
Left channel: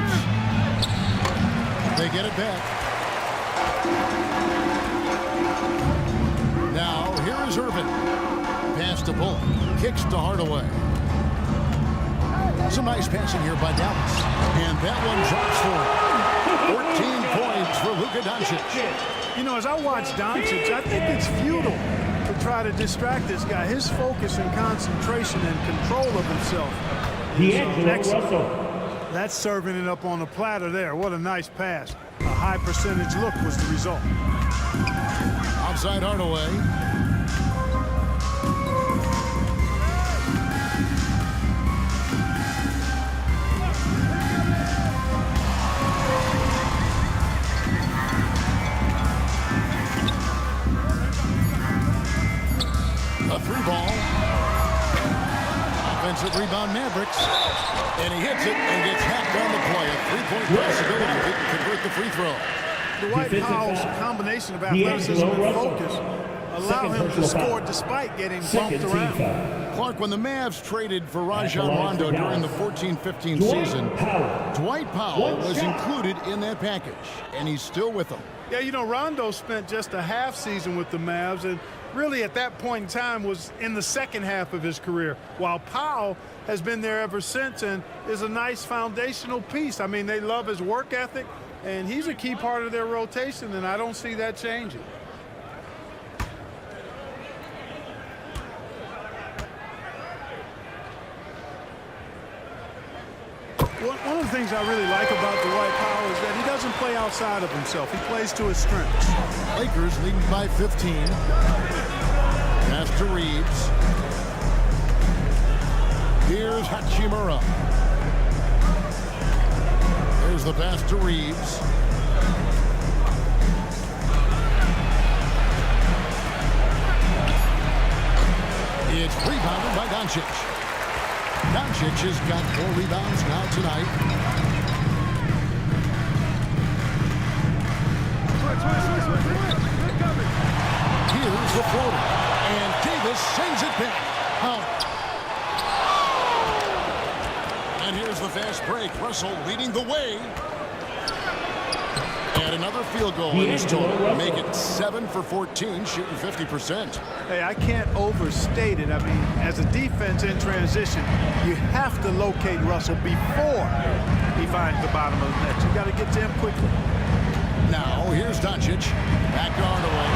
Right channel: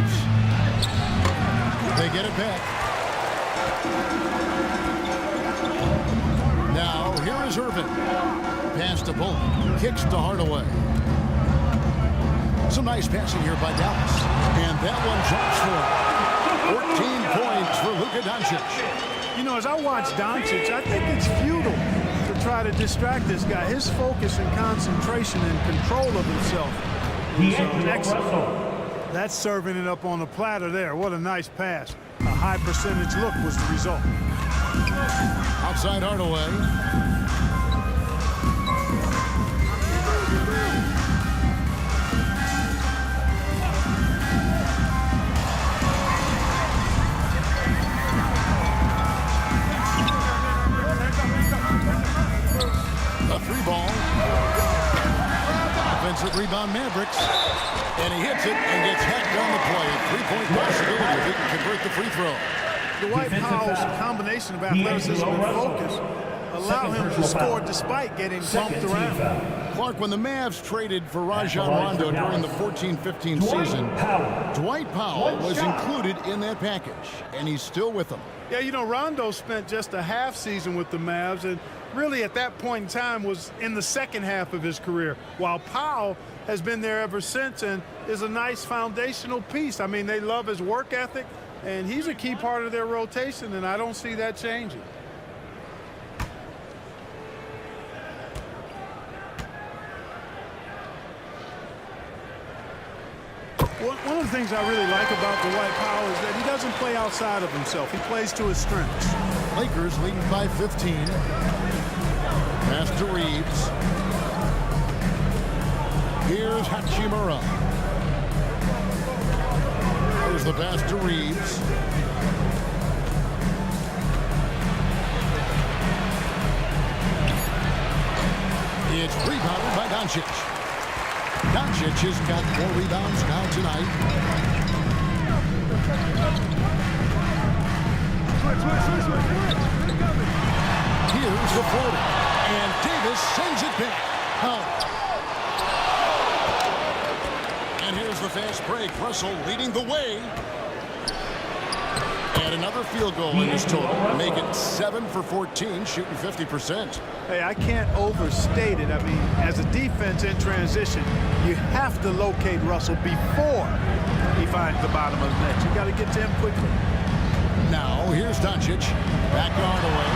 They get it back. Now, here is Irving. Pass to Bullock. Kicks to Hardaway. Some nice passing here by Dallas. And that one drops for him. 14 points for Luka Doncic. You know, as I watch Doncic, I think it's futile to try to distract this guy. His focus and concentration and control of himself is excellent. That's serving it up on the platter there. What a nice pass. A high percentage look was the result. Outside Hardaway. A three ball. Offensive rebound Mavericks. And he hits it and gets hacked on the play. A three-point possibility if he can convert the free throw. Dwight Powell's combination of athleticism and focus allow him to score despite getting bumped around. Clark, when the Mavs traded for Rajon Rondo during the 14-15 season, Dwight Powell was included in that package, and he's still with them. Yeah, you know, Rondo spent just a half season with the Mavs, and really at that point in time was in the second half of his career, while Powell has been there ever since and is a nice foundational piece. I mean, they love his work ethic, and he's a key part of their rotation, and I don't see that changing. One of the things I really like about Dwight Powell is that he doesn't play outside of himself. He plays to his strengths. Lakers leading by 15. Pass to Reeves. Here's Hachimura. There's the pass to Reeves. It's rebounded by Doncic. Doncic has got 4 rebounds now tonight. Here's the floater. And Davis sends it back. Out. And here's the fast break. Russell leading the way. And another field goal in his total. Make it 7 for 14, shooting 50%. Hey, I can't overstate it. I mean, as a defense in transition, you have to locate Russell before he finds the bottom of the net. You got to get to him quickly. Now, here's Doncic. Back to Hardaway.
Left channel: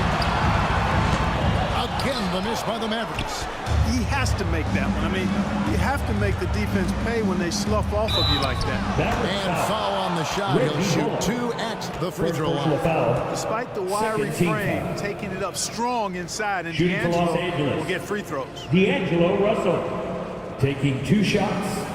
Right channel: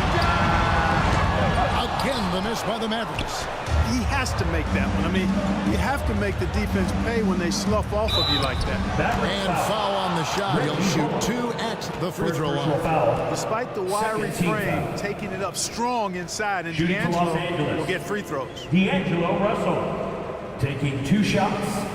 Again, the miss by the Mavericks. He has to make that one. I mean, you have to make the defense pay when they slough off of you like that. And foul on the shot. He'll shoot 2 at the free throw line. Despite the wiry frame, taking it up strong inside, and D'Angelo will get free throws. D'Angelo Russell taking 2 shots.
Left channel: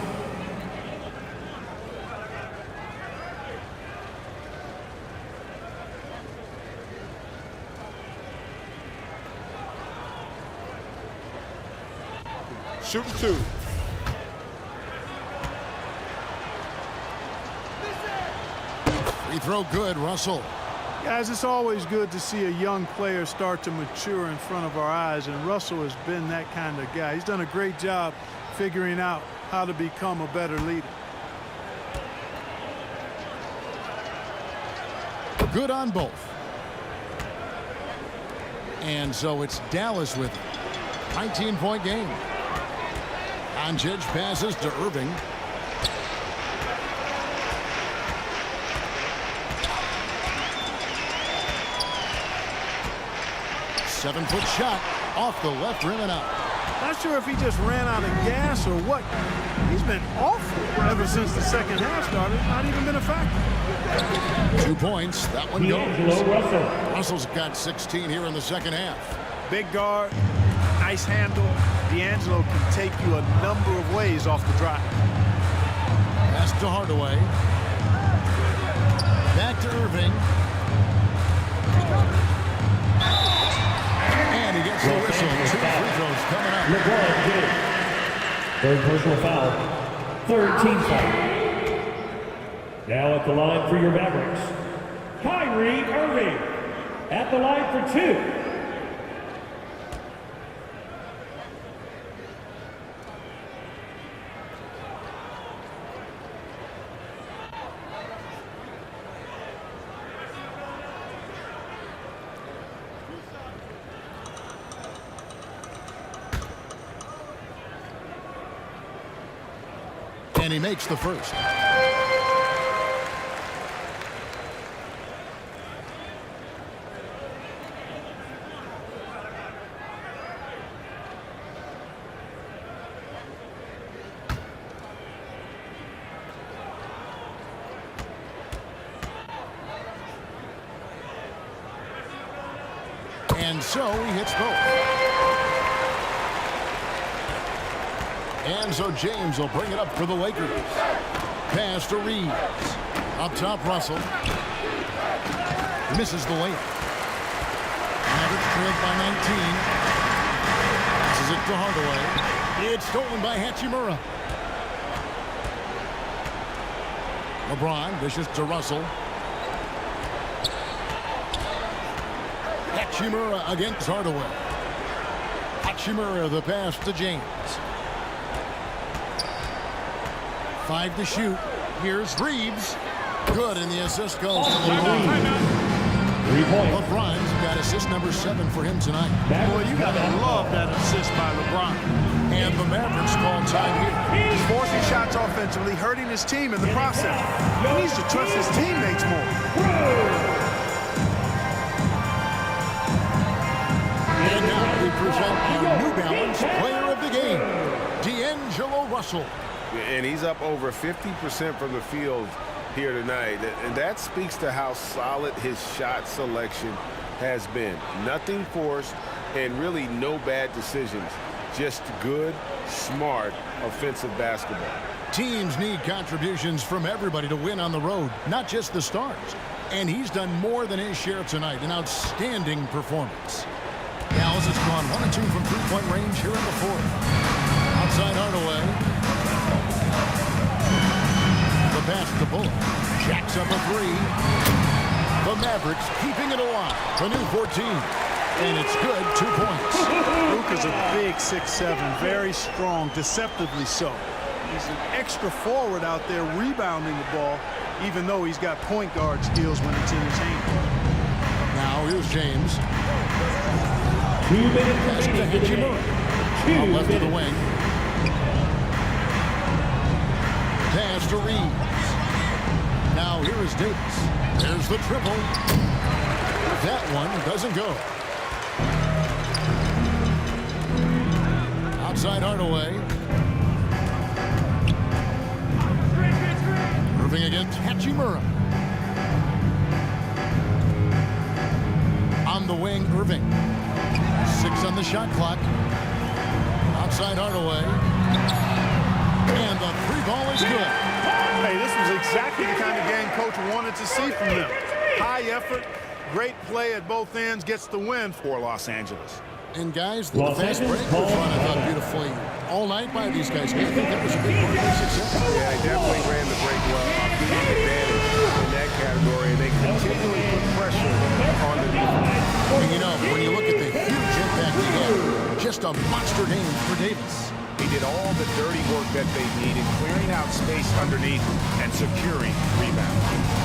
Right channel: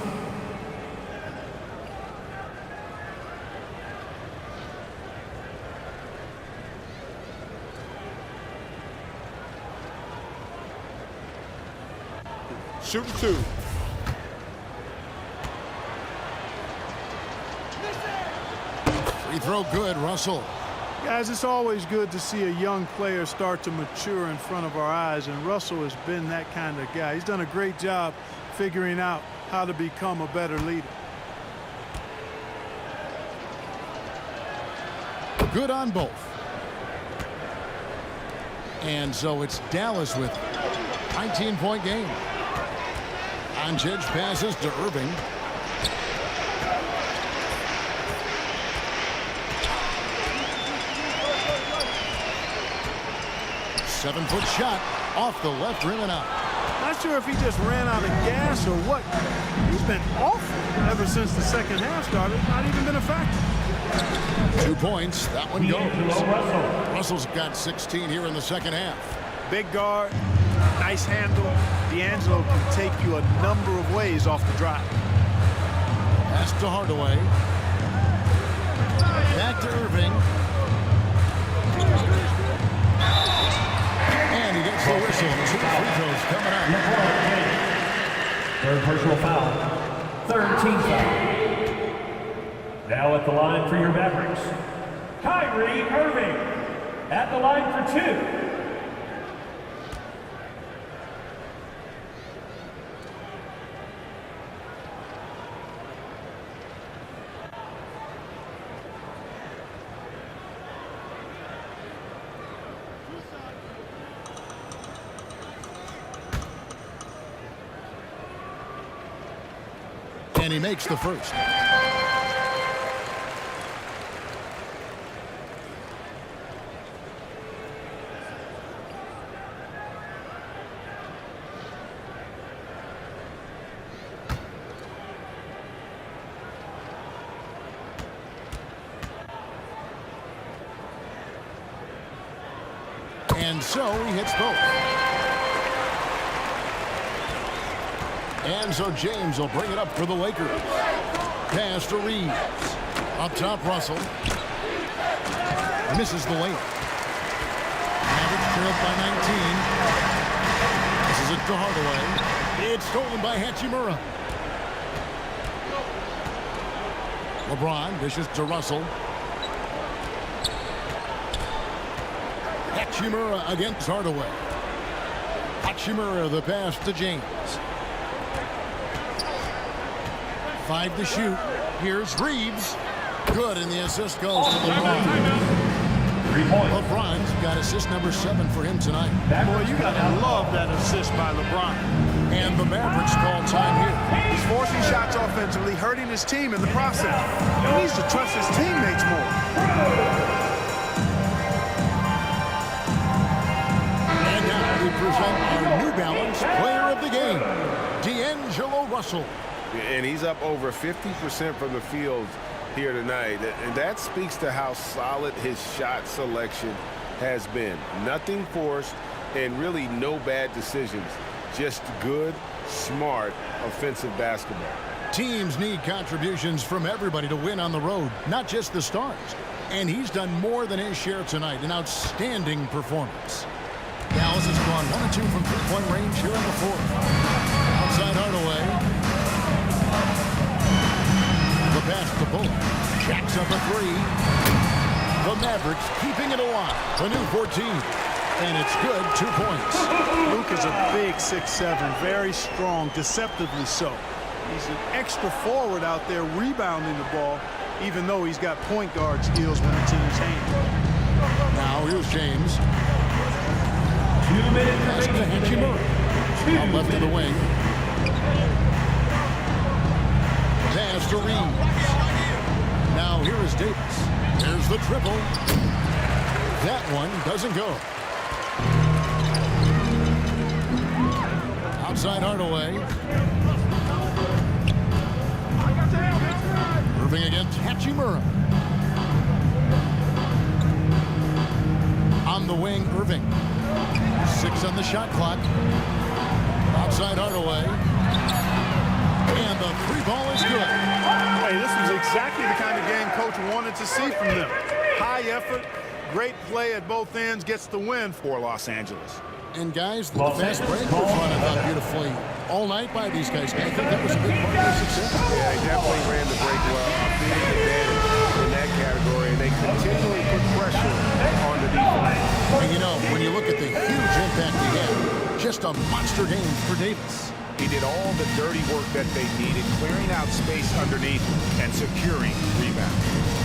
Shooting 2. Free throw good, Russell. Guys, it's always good to see a young player start to mature in front of our eyes, and Russell has been that kind of guy. He's done a great job figuring out how to become a better leader. Good on both. And so it's Dallas with 19-point game. Doncic passes to Irving. Seven-foot shot off the left rim and out. Not sure if he just ran out of gas or what. He's been awful ever since the second half started. Not even been a factor. 2 points. That one goes. Russell. Russell's got 16 here in the second half. Big guard, nice handle. D'Angelo can take you a number of ways off the drive. Pass to Hardaway. Back to Irving. And he gets the whistle. 2 free throws coming up. LeBron James. Third personal foul. Third team foul. Now at the line for your Mavericks, Kyrie Irving. At the line for 2. And he makes the first. And so he hits both. And so James will bring it up for the Lakers. Pass to Reeves. Up top, Russell. Misses the layup. Mavericks trailed by 19. Passes it to Hardaway. It's stolen by Hachimura. LeBron dishes to Russell. Hachimura against Hardaway. Hachimura the pass to James. 5 to shoot. Here's Reeves. Good, and the assist goes to LeBron. 3 points. LeBron's got assist number 7 for him tonight. Boy, you got to love that assist by LeBron. And the Mavericks call time here. He's forcing shots offensively, hurting his team in the process. He needs to trust his teammates more. And now we present our New Balance player of the game, D'Angelo Russell. And he's up over 50% from the field here tonight. And that speaks to how solid his shot selection has been. Nothing forced and really no bad decisions. Just good, smart, offensive basketball. Teams need contributions from everybody to win on the road, not just the stars. And he's done more than his share tonight. An outstanding performance. Dallas has gone 1 of 2 from three-point range here in the fourth. Outside Hardaway. The pass to Bullock. Jacks up a 3. The Mavericks keeping it alive. A new 14. And it's good. 2 points. Luka's a big 6'7", very strong, deceptively so. He's an extra forward out there rebounding the ball, even though he's got point guard skills when it's in his hand. Now here's James. 2 minutes Pass to Hachimura. Out left of the wing. Pass to Reeves. Now here is Davis. There's the triple. That one doesn't go. Outside Hardaway. Irving against Hachimura. On the wing, Irving. 6 on the shot clock. Outside Hardaway. And the 3 ball is good. Hey, this was exactly the kind of game Coach wanted to see from them. High effort, great play at both ends, gets the win for Los Angeles. And guys, the fast break was run, I thought, beautifully all night by these guys. I think that was a big part of their success. Yeah, they definitely ran the break well. A big advantage in that category, and they continually put pressure on the defense. And you know, when you look at the huge impact he had, just a monster game for Davis. He did all the dirty work that they needed, clearing out space underneath and securing rebounds.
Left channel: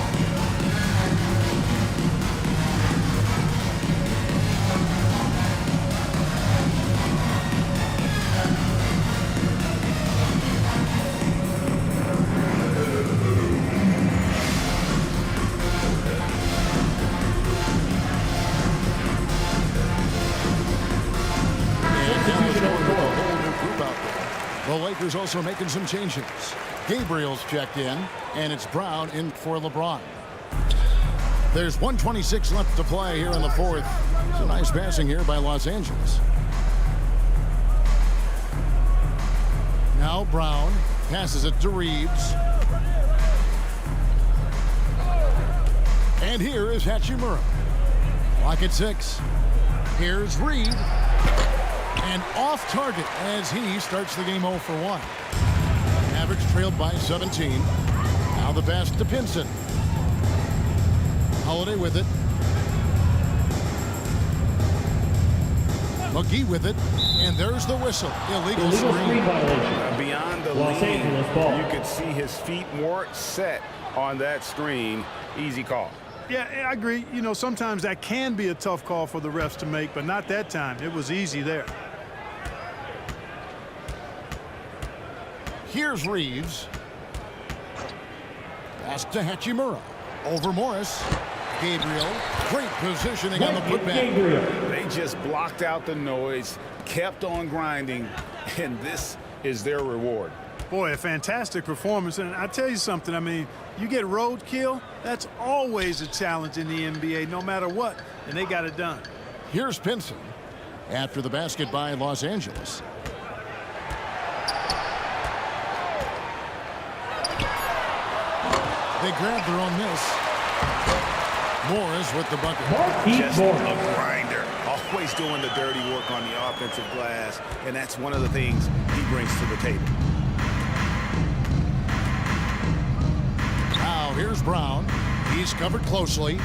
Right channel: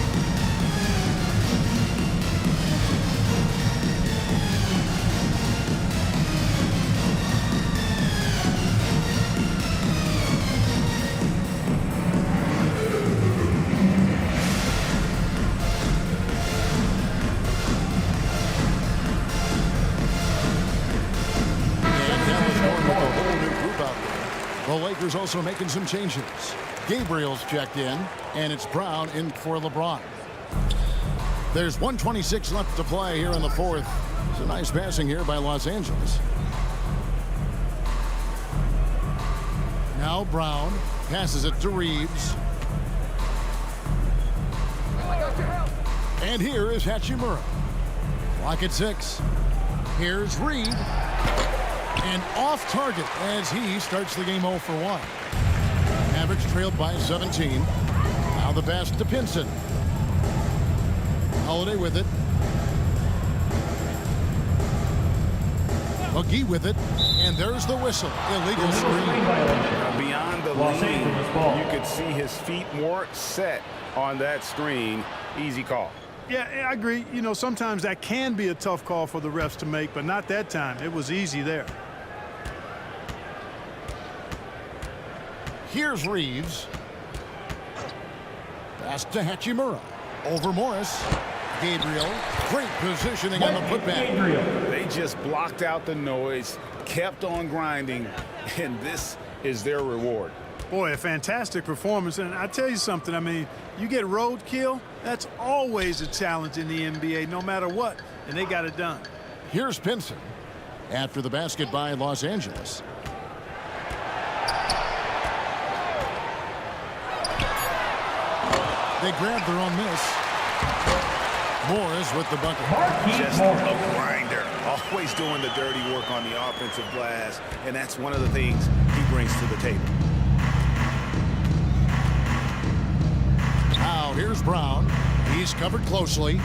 The Lakers also making some changes. Gabriel's checked in, and it's Brown in for LeBron. There's 1:26 left to play here in the fourth. It's a nice passing here by Los Angeles. Now Brown passes it to Reeves. And here is Hachimura. Clock at 6. Here's Reed. And off target as he starts the game 0 for 1. Mavericks trailed by 17. Now the pass to Pinson. Holiday with it. McGee with it. And there's the whistle. Illegal screen. Beyond the lean, you could see his feet more set on that screen. Easy call. Yeah, I agree. You know, sometimes that can be a tough call for the refs to make, but not that time. It was easy there. Here's Reeves. Pass to Hachimura. Over Morris. Gabriel. Great positioning on the putback. They just blocked out the noise, kept on grinding, and this is their reward. Boy, a fantastic performance. And I tell you something, I mean, you get roadkill, that's always a challenge in the NBA, no matter what. And they got it done. Here's Pinson after the basket by Los Angeles. They grab their own miss. Morris with the bucket. Just a grinder, always doing the dirty work on the offensive glass, and that's one of the things he brings to the table. Now here's Brown. He's covered closely.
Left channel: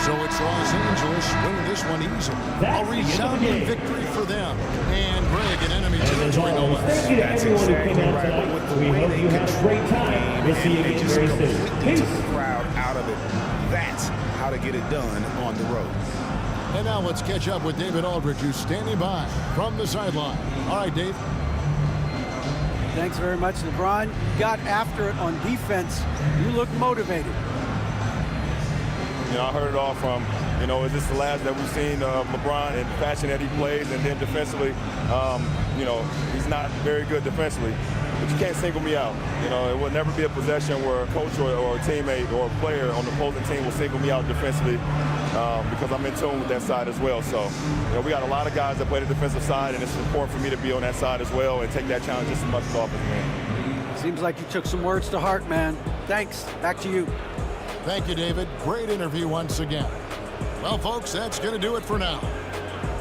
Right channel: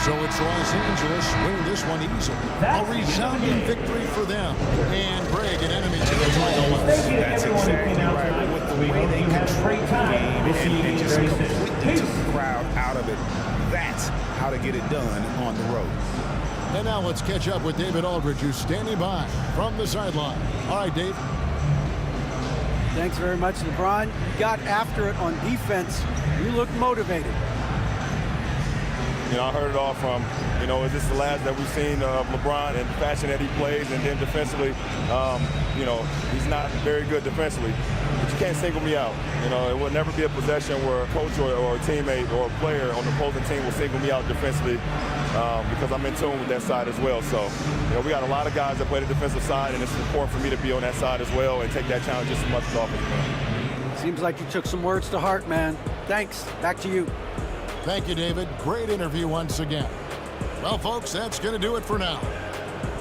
So it's Los Angeles winning this one easily. A resounding victory for them. And Greg, an enemy territory no less. That's exactly right. But with the way they control the game and they just completely took the crowd out of it, that's how to get it done on the road. And now let's catch up with David Aldridge, who's standing by from the sideline. All right, Dave. Thanks very much, LeBron. You got after it on defense. You looked motivated. You know, I heard it all from, you know, is this the last that we've seen of LeBron and the fashion that he plays? And then defensively, you know, he's not very good defensively. But you can't single me out. You know, it will never be a possession where a coach or a teammate or a player on the opposing team will single me out defensively because I'm in tune with that side as well. So, you know, we got a lot of guys that play the defensive side, and it's important for me to be on that side as well and take that challenge just as much as offensive man. Seems like you took some words to heart, man. Thanks. Back to you. Thank you, David. Great interview once again. Well, folks, that's going to do it for now.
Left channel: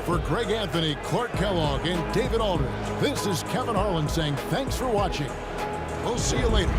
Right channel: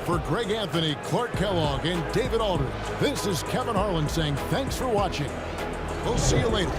For Greg Anthony, Clark Kellogg, and David Aldridge, this is Kevin Harlan saying thanks for watching. We'll see you later.